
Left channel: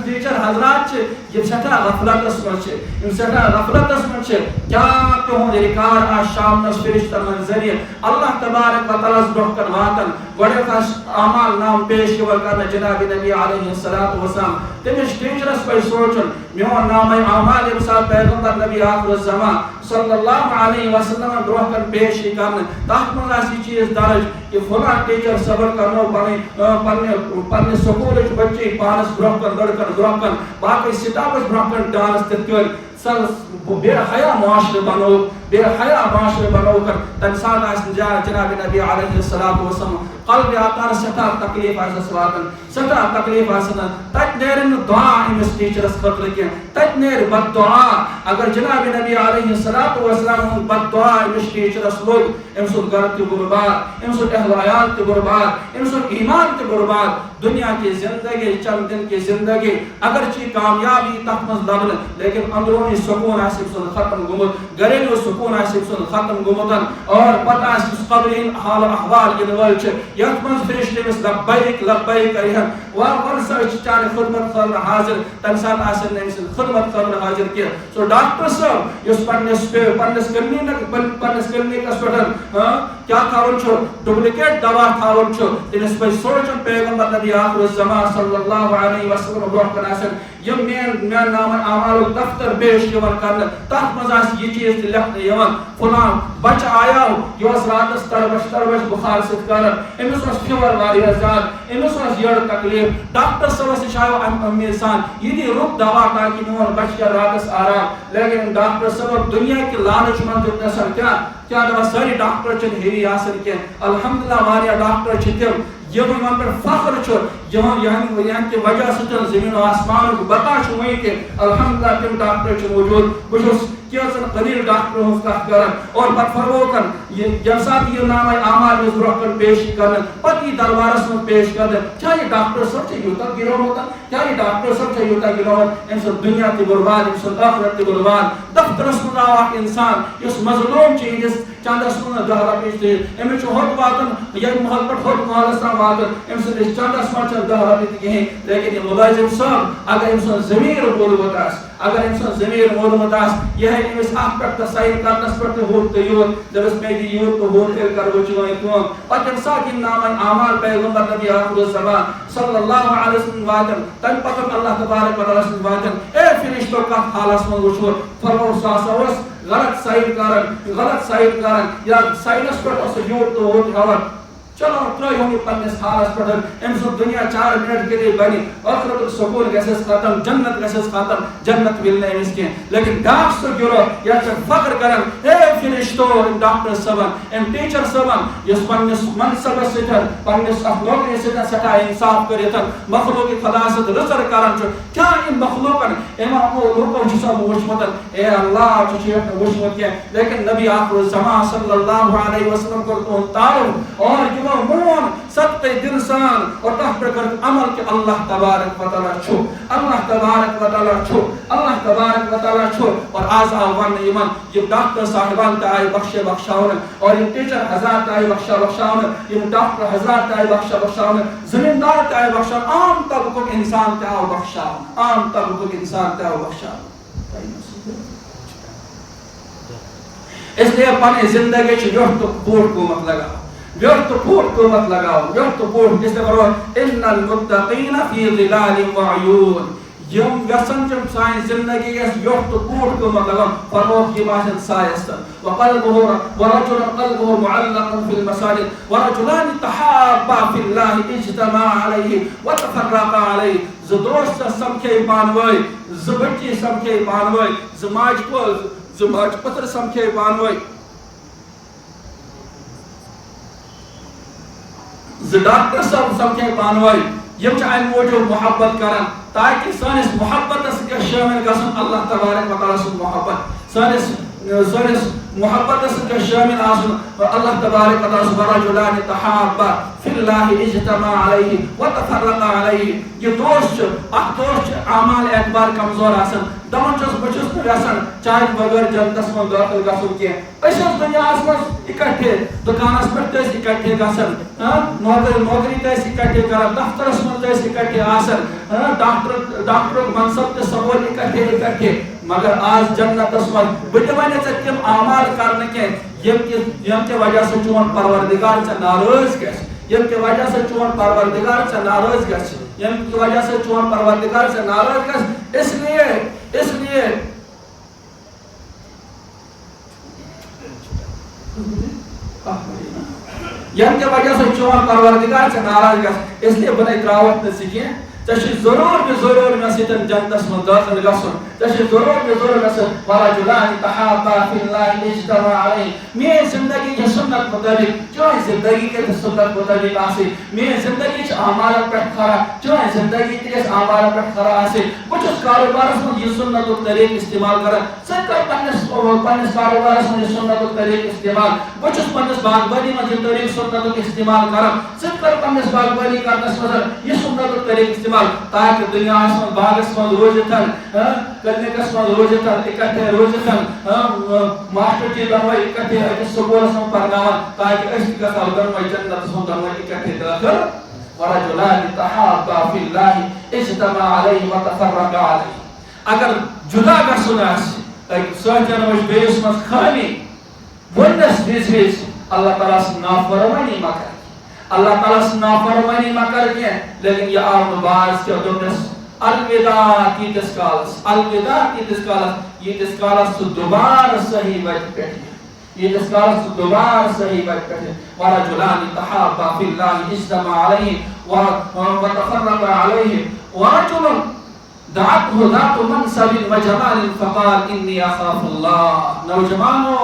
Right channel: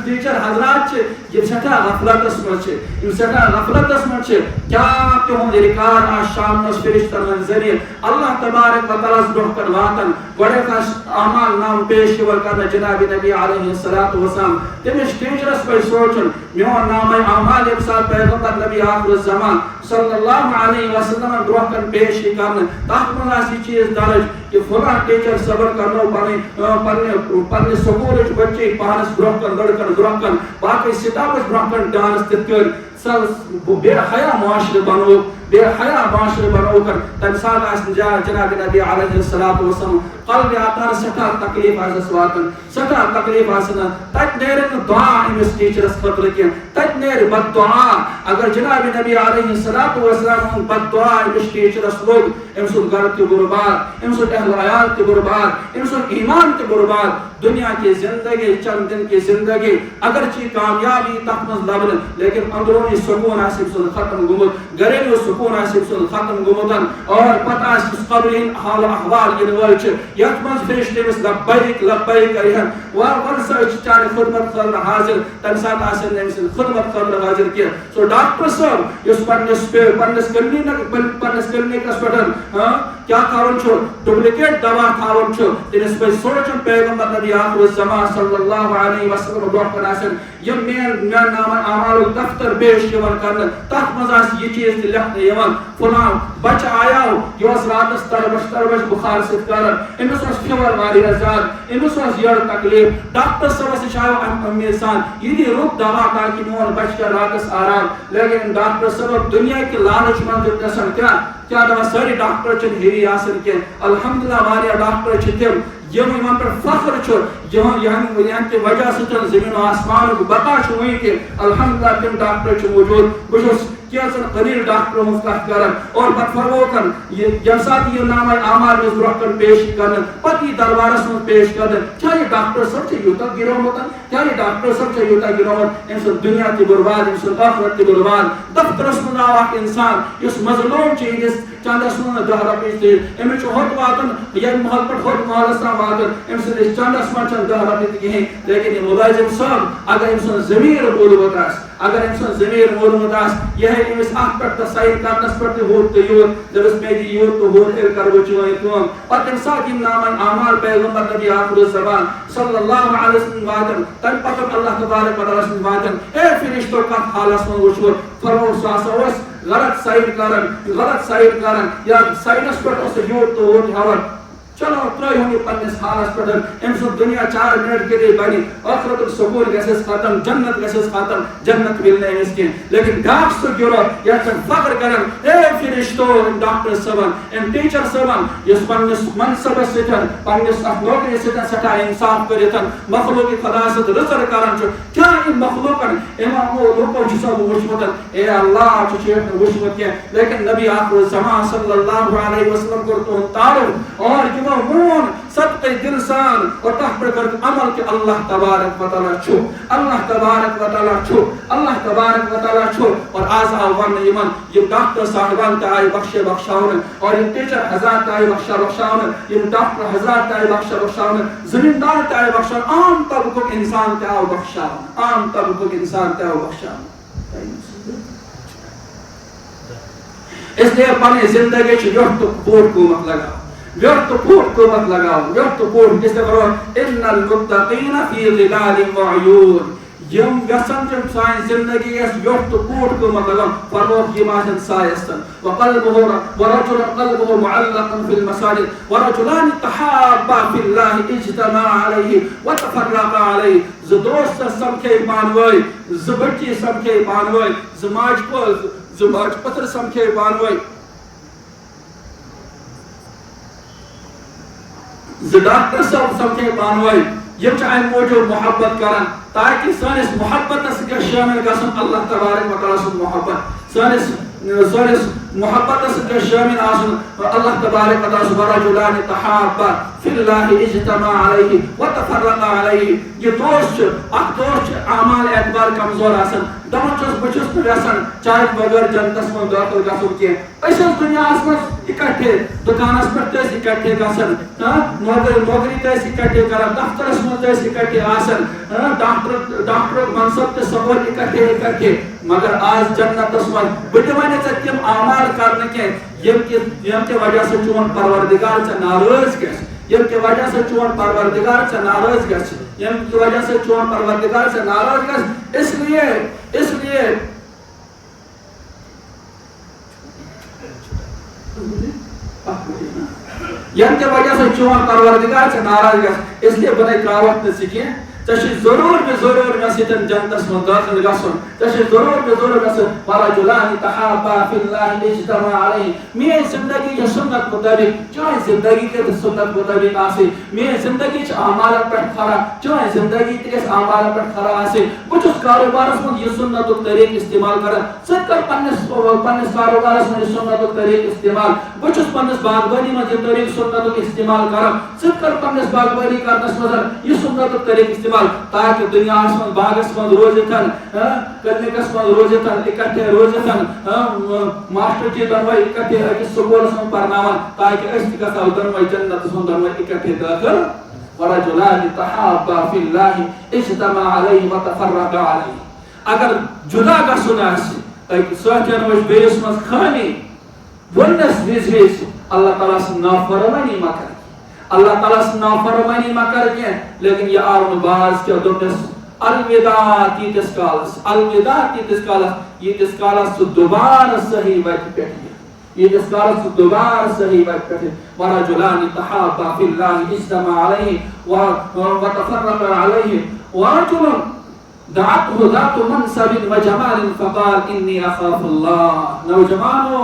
ٹیچر حضرات یہ سٹھا غفلتس من سٹھا غفلتس من کیا تہد ریکارڈ آ شامنس فرشتن ہند ذریعہ اللہ تبارک و تعالیٰ برہ کن واتن گۄڈٕ اعمال نام پیش کرنا جناب نبی علیہ الصلوۃ والسلام تمس ٹیچرس پہ سوچن میون نام اعمال یم سات پیغمبر نبی آخر الزمان صلی اللہ علیہ وسلم برہ کن پیش کرنا تک من یہ چیز درج کہ فلاں ٹیچر صبر کرنو پنہ سکول بچے پانس برہ کن برہ کن باقی سٹافس برہ کن ڈانس تت کر بے حیا معاشرہ بنو بے حیا معاشرہ بنو کر تمہ سات جناب نبی علیہ الصلوۃ والسلام قلب آتار سٹھا تکلیف آس واتن سٹھا تکلیف آسن تت نیرن دعا امس ٹیچرس خطر کی تت نیر بد دعا اگر جناب نبی علیہ الصلوۃ والسلام بد دعا امس ٹیچرس لوگ ام سن گھر تہ برباد ام سن اہل عیال تہ برباد ام سن ایمان تہ برباد دنیا کی زندگی چند دن کی زندگی اگرچہ کامیابی تک مز لبن لیکن اندرونی سکون آسف سن ختم گومت گھریلو سکون آسف سن ختم گومتن اور پتہ آسف قبر حال و احوال ین ول یت مز فرشتے مس لبیک لبیک کرہن ون سا چانہ خدمت خاطر حاضر تمہ سات آسن امس خدمت خاطر حاضر کی سو ڈاکٹر صاحب اس پنس کلینکس پہ کیا تھاون ڈپلیکیٹ دوا تھاون تمس پہ سوچن پیغمبر نبی آخر الزمان صلی اللہ علیہ وسلم برہ کن آسن یم مین نام اعمال دفتر پیش کرنا تک مز یہ چیز لکھنے فلاں بچہ آیا یہ راتس تربش بخار ست کران امس فیور واریاہ زیادہ امس یڑ تکلیف ڈاکٹر صاحبس نش آو امید سان یہ دی رُت دوا تاکہ میون بچہ کر راتس آرام لیکن ڈاکٹر صاحب دنیا کے لالچ من دسن کیا دپان ساری ڈاکٹر چھ ہیوی آسن کی الحمدللہ واریاہ ڈاکٹر چھ تم یم پہ فخر یہاں کی وجہ ستن زمین و آسمان کو بتا وی کہ الحمدللہ تم ڈاکٹر موجود بہت کیسن قلیل ڈاکٹر ہز کت کران اور پتہ فروکن یم سات یہ نام اعمال مز برہ کن پیش کرن پتہ یہ دربارس من پیش کرن کیا یہ ڈاکٹر صاحب یوتہ گرومت کیا یہ ڈاکٹر صاحب یوتہ گرومت ام سن دنیا تہ برباد ام سن آخرت تہ برباد دفترس من آو اخ انسان اس مظلوم چیز چندس من 10 رۄپیہِ امس ہوت واتن یم محل پہ ہوت محلس تام واتن ام سندس چندس من 10 رۄپیہِ کہین لیکن یہ ملازم صاحب اگر ام سن ضمیر بولمت آس اگر ام سن ضمیر بولمت آس یہ ہے امس اخ پہ سائن کرنس پہ ہوت تو یوت دپس میں دی یوت تو ہوت پھر کرو چون کم پتہ تم سات یم نام اعمال پیغمبر نبی آخر الزمان صلی اللہ علیہ وسلم واتن تم پتہ اللہ تبارک و تعالیٰ سن واتن اے فرشتو کت حالس من وچھو فرمو سا غلط سائن کرن یا سائنس پہ یوت تو ہوت ہاون چلو ترٛٲیہون یہِ پننس حالس پہ ام سن دنیا 4 منٹ کے لیے بنی آخرت سکون گھس ختم جنت گھس ختم جنت ملنے امس کی لیکن بیاکھ سہ گروہ یتھ فخر کران اے فرشتو ام ڈاکٹر صٲبن ام ٹیچر صٲبن یس پننس منصبس ستن پننس اخ نوکری ستن سٹھا انصاف کرتن مخلوق خدا ست رزر کران کیا ام مخلوقن امامو لوکو سب وچمت اے اللہ چھ وچمت کی لیکن نبی آخر الزمان صلی اللہ علیہ وسلم کو تو تعارف اور مون صدقہ دل سان اور تح پر کر عمل کہ اللہ تبارک و تعالیٰ چھو اللہ تبارک و تعالیٰ چھو اللہ تبارک و تعالیٰ چھو اور آز آو ون یمن یہ ڈاکٹر صاحبان تے آئی بخشے بخشاون اور یہ ٹیچر حضرات تے آئی بخشا بخشاون یہ ڈاکٹر حضرات تے آئی بخشا بخشاون زمیندار تے آئی بخشاون عام طبقوں کے انسان تے آو بخشاون عام طبقوں کے انسان تے آو بخشاون اس لیے پانی زندگی چھ یوٹ تو بوٹ کو مت لگا ویوٹ پوٹ کو مت لگاؤ ویوٹ پوٹ جس نے فرمایا ان المتقین فی ظلال و عیون یم یژھان تم سانہِ زندگی یس ویوٚٹھ تہٕ بوٗٹھ قۭمتھ لگان فرمووُکھ یِم آسن سایستن ورجل قلبه معلق في المساجد ورجلان تحابا في الله اجتمعا عليه وتفرقا عليه ز دوست سمکھے پانوٲے ز بچی سمکھے پانوٲے ز ماج پتر سمکھے پانوٲے ز ڈاکٹر صاحب سمکھے پانوٲے یم چھ امہِ موٗجوٗب محبت کران تاکہ سٲنِس محبتس گژھِ شٲمِل گژھُن اللہ تبارک و تعالیٰ سُنٛد محبت سٲنِس محبتس گژھِ شٲمِل آسُن اللہ تبارک و تعالیٰ سُنٛد ورجلان تحابا فی اللہ اجتمعا علیہ وتفرقا علیہ یہ دوست اکھ دوست اعمال اعتبار کمزور آسان دپان چھُس بہٕ چھُس نہٕ یژھان چاہے بغٲر جنتس منٛز دٲخل گژھُن کینٛہہ أسۍ ٲسۍ دُنیاہس منٛز اِکٹھے دُکانس پٮ۪ٹھ تہِ ٲسۍ اِکٹھے گژھان نوکری تہِ ٲسۍ اِکٹھے کران دفترس منٛز تہِ ٲسۍ اِکٹھے آسان ڈاکٹرُک منصب تہِ سمبول اِکٹھے مگر آز جنتس منٛز بہٕ تہِ وَنہٕ ژےٚ تِم اعمال کرنہٕ کینٛہہ ییٚمہِ کہِ وجہ سۭتۍ چون پروردگار ژےٚ ناراض گژھِ ییٚمہِ کہِ وجہ سۭتۍ چون پروردگار ژےٚ ناراض گژھِ ییٚمہِ کہِ وجہ سۭتۍ چون پروردگار ژےٚ ناراض گژھِ اس لیے ییٚمہِ کہِ وجہ سۭتۍ چون پروردگار ژےٚ ناراض گژھِ اس لیے بہٕ نے تراوتھ نہٕ ژٕ کینٛہہ ژےٚ چھُے ضروٗر مےٚ سۭتۍ جنتس منٛز دٲخل گژھُن ژےٚ چھُے ضروٗر گژھُن ورجلان تحابا فی اللہ اجتمعا علیہ میٲنۍ زندگی چھِ سنت مطٲبق چٲنۍ زندگی گژھِ سنت مطٲبق آسٕنۍ میٲنۍ زندگی چھِ اعمالن پٮ۪ٹھ کھڑا چٲنۍ زندگی تہِ گژھِ اعمالن پٮ۪ٹھ کھڑا آسٕنۍ بہٕ چھُس کاروبارس منٛز یہِ سنتُک طریٖقہٕ استعمال کران ژٕ کر پننِس کاروبارس منٛز یہِ سنتُک طریٖقہٕ استعمال بہٕ چھُس پننِس باغبٲنی منٛز یہِ طریٖقہٕ سنتُک استعمال کران ژٕ کر پننِس باغبٲنی کرنس منٛز یہِ سنتُک طریٖقہٕ استعمال تاکہ دنیاہس منٛز باغس منٛز روزِتھ کلنکس منٛز روزِتھ اِکٹھے روزِتھ ماسٹر جی دۄنوے اِکٹھے أکِس سکوٗلس منٛز پرناوان تاکہ أسۍ تہِ گژھو دۄنوے جنتس منٛز دۄنوے اِکٹھے دٲخل ورجلان تحابا فی اللہ اجتمعا علیہ وتفرقا علیہ اگر جدا گژھُن آسہِ سۭتٮ۪ن وٕچھ بیٚیِس منٛز خٲمی وٕنِس وِزِ اللہ تعالیٰ سٕنٛز نافرمٲنی مہ کر اللہ تعالیٰ سٕنٛز نافرمٲنی مہ کر کینٛہہ لیکن یہ آو نہٕ باز کینٛہہ دوٚپنس الوداع تیٖتِس کالس ژٕ دُبارٕ صحیح وتہِ پٮ۪ٹھ ییٖتِس کالس ژٕ دُبارٕ صحیح وتہِ پٮ۪ٹھ ورجلان تحابا فی اللہ اجتمعا علیہ وتفرقا علیہ ورجل دعته ذات منصب وجمال فقال انی اخاف اللہ نوجوانو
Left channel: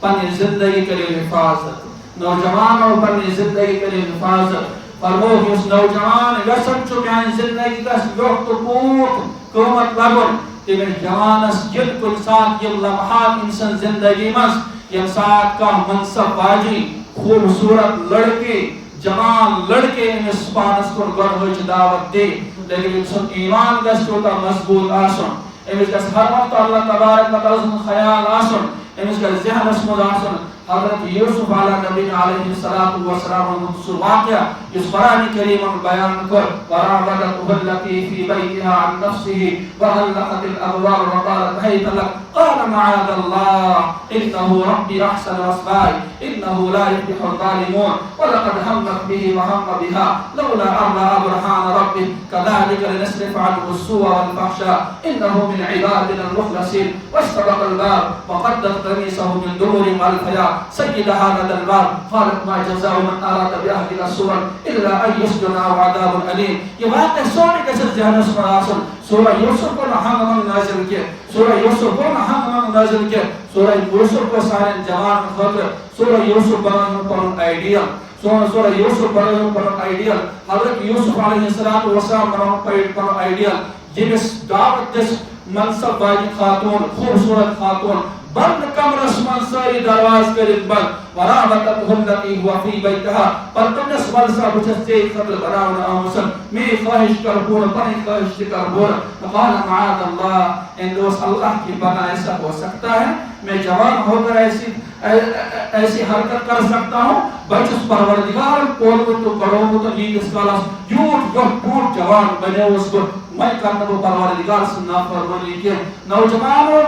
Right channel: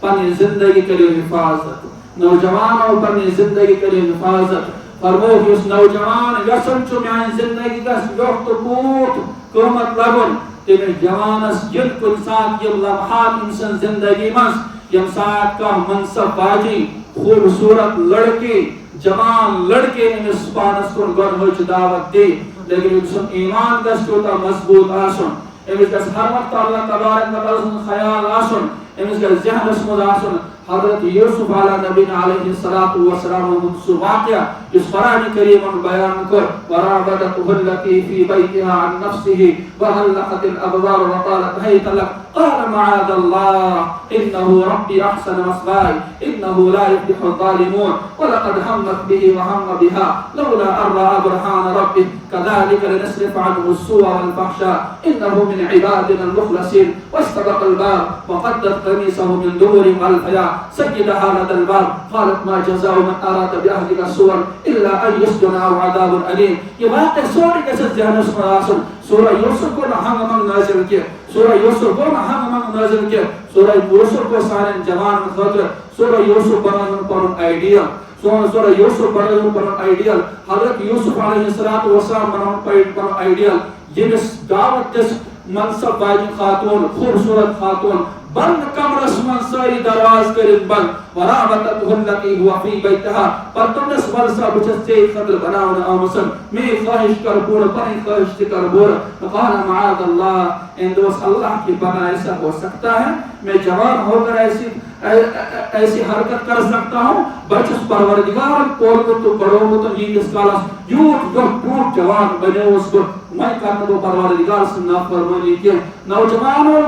پننہِ زندگی کٔرِو حفاظت نوجوانو پننہِ زندگی کٔرِو حفاظت فرمووُکھ یُس نوجوان یژھان چھُ میانہِ زندگی گژھِ ویوٚٹھ تہٕ بوٗٹھ قۭمتھ لگُن تٔمِس جوانس ییٚلہِ کُنہِ ساتہٕ یِم لمحات أمۍ سٕنٛز زندگی منٛز ییٚمہِ ساتہٕ کانٛہہ منصب واجِنۍ خوٗبصوٗرت لڑکی جوان لڑکے أمِس پانس کُن گۄڈنِچ دعوت دی لیکن أمۍ سُنٛد ایمان گژھِ تیوٗتاہ مضبوٗط آسُن أمِس گژھِ ہر وقتہٕ اللہ تبارک و تعالیٰ سُنٛد خیال آسُن أمِس گژھِ ذہنس منٛز آسُن حضرت یوسف علیہ نبینا علیہ الصلاۃ والسلام سُہ واقعہ یُس قرآنِ کریٖمن بیان کوٚر وراودته التي في بيتها عن نفسه وغلقت الابواب وقالت هيت لك قال معاذ الله انه ربي احسن مثواي انه لا يفلح الظالمون ولقد همت به وهم بها لولا ان راى برهان ربه كذلك لنصرف عنه السوء والفحشاء انه من عبادنا المخلصين واستبق الباب وقدت قميصه من دبر والفيا سيدها لدى الباب قالت ما جزاء من اراد باهلك سوءا الا ان يسجن او عذاب اليم یہ واقعہ سوري گژھِ ذہنس منٛز آسُن سورہ یوسف کو نہ ہنگ منگ نازل کینٛہہ سورہ یوسف کو نہ ہنگ منگ نازل کینٛہہ سورہ یوسف کو سانٮ۪ن جوانن خٲطرٕ سورہ یوسف بنٲوٕن پنُن آیڈیل سورہ یوسف بنٲوٕن پنُن آیڈیل حضرت یوسف علیہ الصلوۃ والسلام بنٲوٕن پنُن آیڈیل ییٚمِس دعوت دِژ منصب واجہِ خاتون خوٗبصوٗرت خاتون بند کمرس منٛز سٲری دروازٕ کٔرِتھ بند وراودته التي هو في بيتها پتہٕ وَل سا بہٕ چھَس ژےٚ خٲطرٕ بناونہٕ آمٕژ میٛٲنۍ خٲہِش کر پوٗرٕ پنٕنۍ خٲہِش تہِ کر پوٗرٕ قال معاذ اللہ ان دوست اللہ کی بنا ایسا ہو سکتا ہے میں جوان ہو کر ایسی حرکت کر سکتا ہوں بہٕ چھُس پروردگار پوٚرمُت تہٕ پڑھومُت ییٖتِس کالس یوٗت ٹوٹھ جوان بنیووُس بہٕ وۄنۍ کر نہٕ بہٕ پروردگار سٕنٛز نافرمٲنی کینٛہہ نوجوانو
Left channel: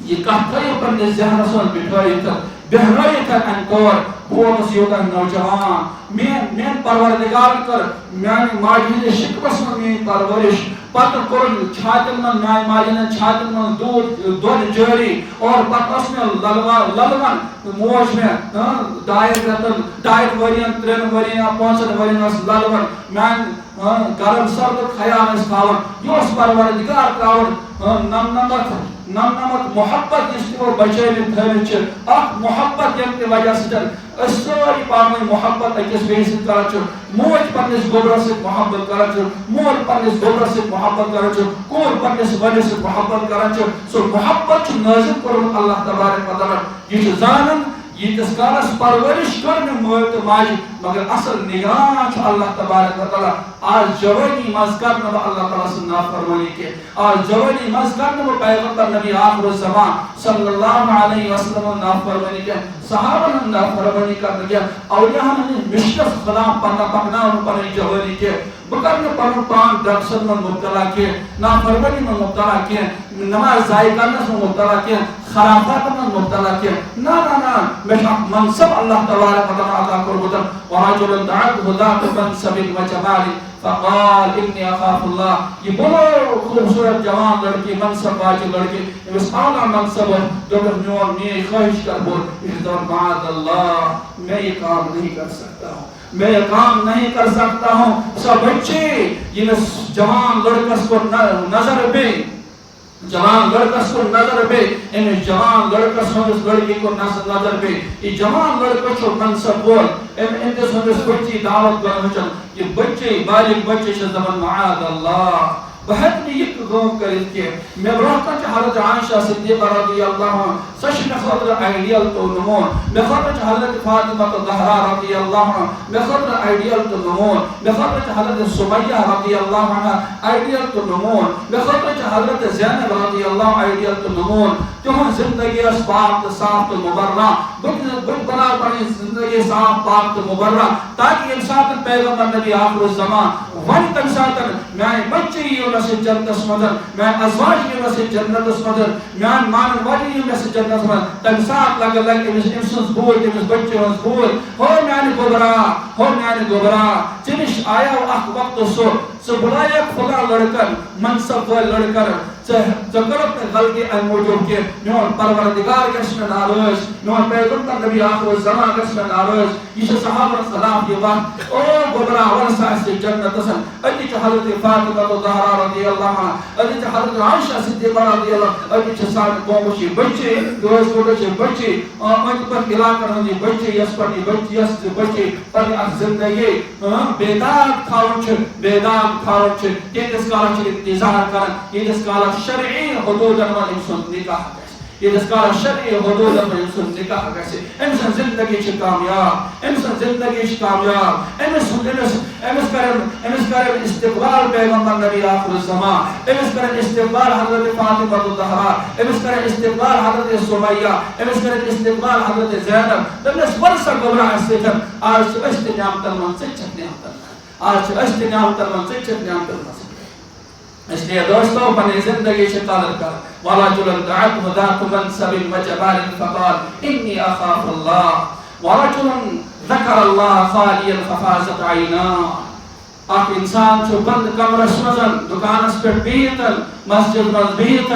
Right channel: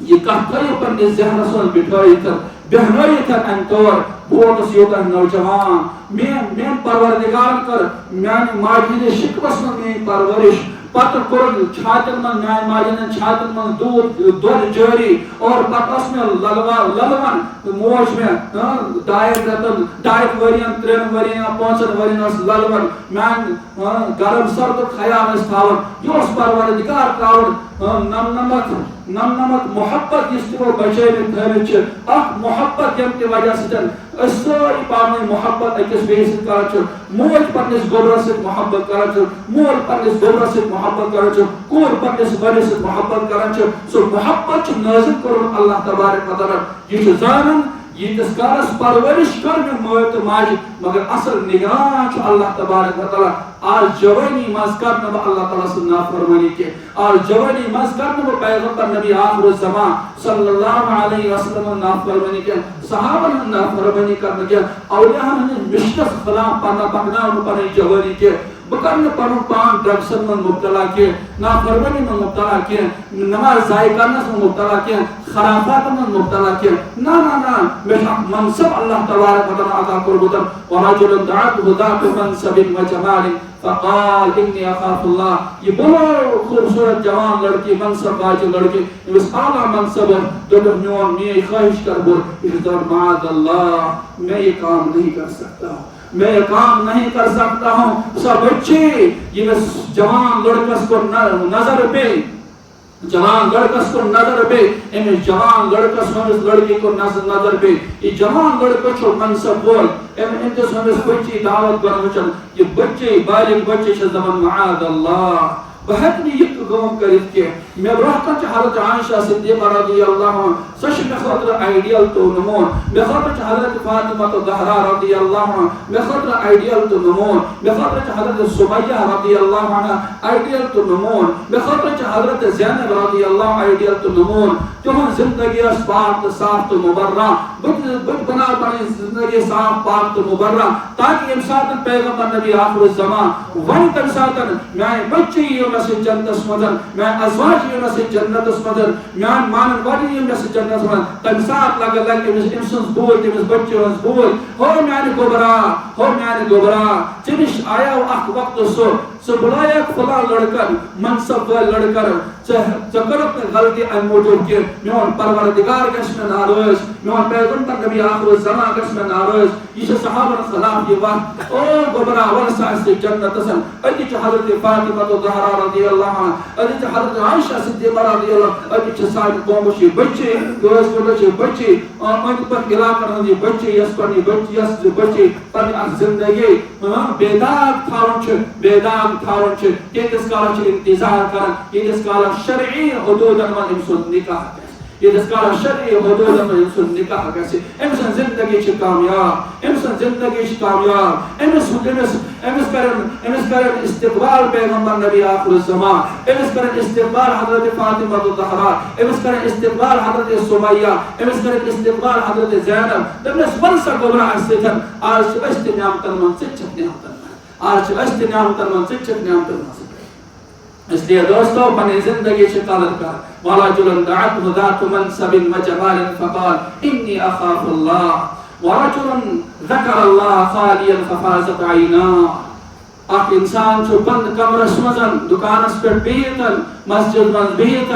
یہ کتھ تھٲیِو پننِس ذہنس منٛز بِٹھٲیِتھ بہنٲیِتھ اَمہِ طور بہٕ اوسُس یوٗتاہ نوجوان میٛٲنۍ پروردگارن کٔر میٛانہِ ماجہِ ہٕنٛدِس شِکمس منٛز میٛٲنۍ پرورِش پتہٕ کوٚرُن چھاتٮ۪ن منٛز میٛانہِ ماجہِ ہٕنٛدٮ۪ن چھاتٮ۪ن منٛز دۄد جٲری اور پتہٕ ٲس مےٚ للوان موج مےٚ 2 رٮ۪تن 2 ؤرین 3 ؤرین یا 5 ؤرین ٲس للوان میٛانہِ گرم سردُک خیال ٲسۍ تھاوان یہِ اوس پروردگار ترٛاوان نمنمت محبت یُس تِمو بچٲوِتھ تھٲوِتھ چھِ اکھ محبت ییٚمہِ کہِ وجہ سۭتۍ أسۍ سٲری پانہٕ ؤنۍ محبت أکِس بیٚیِس سۭتۍ کران چھِ موج پننِس گوبرس سۭتۍ محبت کران چھِ مول پننِس گوبرس سۭتۍ محبت کران چھِ کوٗر پننِس مٲلِس سۭتۍ محبت کران چھِ سُہ محبت چھُ نٲزِل کوٚرمُت اللہ تبارک و تعالیٰ یہِ چھُ زانان ییٖتِس کالس پرورش کٔر مےٚ مٲلۍ تہٕ ماجہِ مگر اصل نگران چھُ اللہ تبارک و تعالیٰ آز جوانی منٛز کر نہٕ بہٕ اللہ تعالیٰ سٕنٛز نافرمٲنی کینٛہہ آز جوانی منٛز کر نہٕ بہٕ پیغمبر نبی آخر الزمان صلی اللہ علیہ وسلم نافرمٲنی کینٛہہ صحابن ہٕنٛز نافرمٲنی کرنہٕ کینٛہہ اولیاہن ہٕنٛدِس مشنس خلاف پکناونہٕ پنٕنۍ جوانی کینٛہہ بہٕ کرٕ نہٕ پنُن پان ڈرگسن منٛز مبتلا کینٛہہ نافرمٲنی منٛز مبتلا کینٛہہ نماز ضایع کرنس منٛز مبتلا کینٛہہ خرافاتن منٛز مبتلا کینٛہہ نہ مےٚ چھُ اکھ منصب اللہ تبارک و تعالیٰ عطا کوٚرمُت ورجل دعته ذات منصب وجمال فقال انی اخاف اللہ یہ بڑو خوبصورت جوان لڑکی منصب واجب لڑکی امس اعلیٰ منصب دوٚپُکھ میٛٲنۍ خواہش کر بوٚر یہِ چھُ دپان معاذ اللہ میں یہ کام نہیں کر سکتا ہوں میں یہ کام نہیں کر سکتا ہوں سا بچی ییٚمِس جوان لڑکس کو نظر پے جوان لڑکس کو نظر پے امس جوان لڑکس ہندس لڑکی کو نظر پے یہ جوان لڑکہ چھُ منصب وول امس ہندس بچی دعوت کران یہ بچی بالغ بچی چھِ دپان معاذ اللہ بہٕ ہیٚکہٕ نہٕ یہِ کٲم کٔرِتھ کینٛہہ مےٚ برونٛہہ کَنہِ چھِ حضرت عائشہ صدیقہ رضی اللہ عنہا سۄ چھِ مےٚ خٲطرٕ آیڈیل تہٕ نموٗن مےٚ خٲطرٕ چھِ حضرت فاطمہ الزہرا رضی اللہ عنہا مےٚ خٲطرٕ آیڈیل تہٕ نموٗن مےٚ خٲطرٕ چھِ حضرت سمیہ رضی اللہ عنہا آیڈیل تہٕ نموٗن مےٚ خٲطرٕ چھِ حضرت زینب رضی اللہ آیڈیل تہٕ نموٗن تِہُنٛد زندگی ٲس پاک تہٕ صاف تہٕ مبرہ بہٕ بناو پنٕنۍ زندگی صاف پاک تہٕ مبرہ تاکہ ییٚمہِ ساتہٕ پیغمبر نبی آخر الزمان وۄنۍ تمہِ ساتہٕ میٛانہِ بچی یِیو مےٚ سۭتۍ جنتس منٛز میٛانہِ ازواج یِیو مےٚ سۭتۍ جنتس منٛز میٛانہِ مانن واجٮ۪ن یِیو مےٚ سۭتۍ جنتس منٛز تمہِ ساتہٕ لگہِ أمۍ سٕنٛز بوٗلۍ تٔمِس بچی ہٕنٛز بوٗلۍ ہو میٛانہِ گوبرا ژےٚ نِش آیاو اکھ وقتہٕ سُہ بُلایکھ فلاں لڑکن منصب وٲلۍ لڑکن ژےٚ کٔرٕکھ نہٕ غلطی امہِ موٗجوٗب کینٛہہ میون پروردگار گژھِ مےٚ ناراض میون پیغمبر نبی آخر الزمان گژھِ مےٚ ناراض یہِ چھِ صحابن خلاف یہِ وتھ او گوبرا وَلہٕ سا اَسہِ سۭتۍ جنتس أتی چھِ حضرت فاطمہ الزہرا رضی اللہ عنہا أتی چھِ حضرت عائشہ صدیقہ رضی اللہ أتی چھِ سانہِ قومٕچ یہِ بچی کٲنٛسہِ پٲٹھۍ چھِ بچی أنٛدۍ پٔکۍ علاقن ہٕنٛز یہِ بچی یۄس بچی پنٕنۍ اکھ زندگی بے داغ تھاوان چھِ ییٖتِس کالس چھِ انتظار کران ییٖتِس کالس شرعی حدوٗدن منٛز أمۍ سُنٛد نکاح گژھِ ییٖتِس کالس شرعی حدوٗدن منٛز أمۍ سُنٛد نکاح گژھِ أمۍ سٕنٛز زندگی چھِ کامیاب أمِس کرن استقبال پیغمبر نبی آخر الزمان أمِس کرن استقبال حضرت فاطمہ الزہرا أمِس کرن استقبال حضرت سمیہ أمِس کرن استقبال حضرت زینب دپنس وَلہٕ سا گوبرا اَسہِ سۭتۍ آز چھِ أسۍ تہِ نعمتن منٛز ژٕ تہِ چھکھ نعمتن منٛز اس لیے دوستو پنٕنۍ زندگی چھِ قدر کر ورجل دعته ذات منصب وجمال فقال إني أخاف الله ورجل ذكر الله خاليا ففازت عيناه اکھ انسان چھُ بند کمرس منٛز دُکانس پٮ۪ٹھ بِہِتھ مسجد منٛز بِہِتھ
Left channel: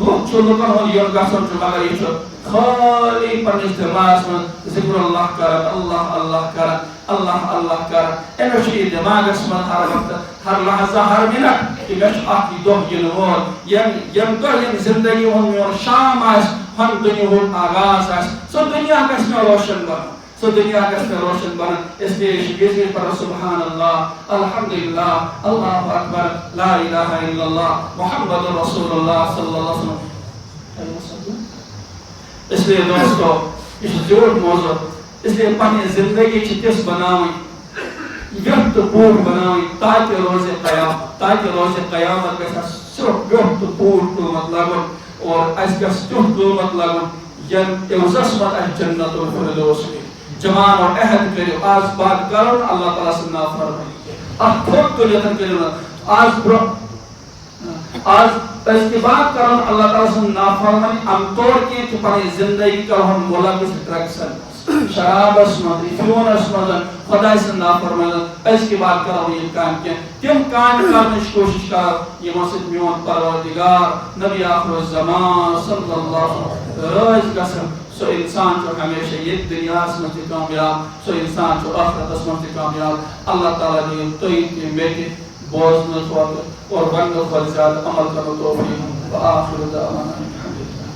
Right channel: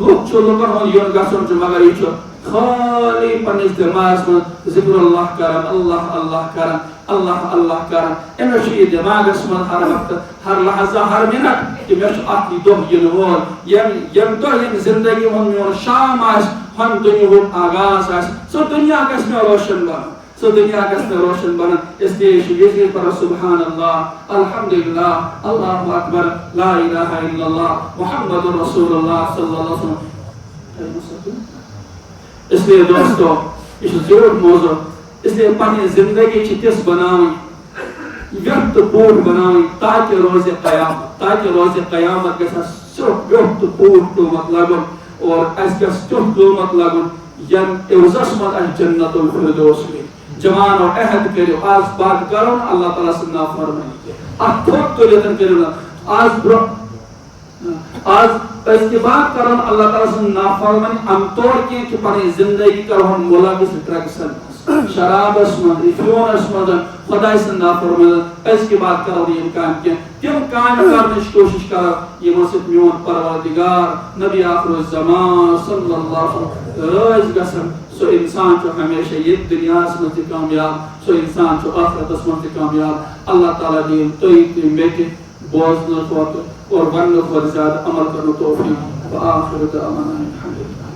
لُکھ چھُ لُکن ہُنٛد یُن گژھُن چھُ مگر یہِ چھُ خٲلی پننِس دٮ۪ماغس منٛز ذکر اللہ کران اللہ کران أمِس چھُ یہِ دٮ۪ماغس منٛز ہر وقتہٕ ہر لحظہ ہر منٹ کہِ مےٚ چھُ اکھ یہِ دۄہ یِنہٕ وول ییٚمہِ دۄہ ییٚمہِ زندگی ہُنٛد میون شام آسہِ ہم دُنیاہُک آغاز آسہِ سُہ دُنیا گژھِ مےٚ روشن بنُن اس لیے چھِ یہِ پَران سبحان اللہ الحمدللہ اللہ اکبر لا الہ الا اللہ محمد رسول اللہ صلی اللہ علیہ وسلم اس لیے دوستو یہ چھُ زیوٗٹھ موضوع اس لیے پنٕنۍ زندگی چھِ تِژھ بناوٕنۍ ویوٚٹھ تہٕ پوٗرٕ بناوٕنۍ تاکہِ روزِ قیامت گژھِ اَسہِ سیوٚد ویوٚٹھ تہٕ پوٗرٕ قۭمت لگُن اور اَسہِ گژھِ تیُتھ قۭمت لگُن ییٚمہِ عِوزس منٛز اَسہِ جنت الفردوس مِلہِ جوان اور عہد کٔرِو آز پاک کرُن اللہ تعالیٰ سٕنٛز نافرمٲنی اَتھ تھوٚد تُلِتھ کٔرِو نہٕ آز برونٛہہ آج اس کی بات کرو اللہ تعالیٰ سے نافرمانی ام طور کی کہ پانی زندگی کرو ملوث ڈرگس شراب اسمد افیون اسمد خدا سے نافرمانی اس کی بات کرو یہ کام کیا تم کام کرنے کی کوشش کرو یہ مسجد میون پروردگار نبی آخر الزمان صلی اللہ علیہ وسلم رائز گسن سو انسان جو ہمیشہ یہ دنیا سے کامیاب سو انسان جو آخرت اسمان سے کامیاب اللہ تعالیٰ دی توئی میٹے بوزن اور ون کو زیادہ عمل کرنے توفیق وآخر دعوانا الحمدللہ.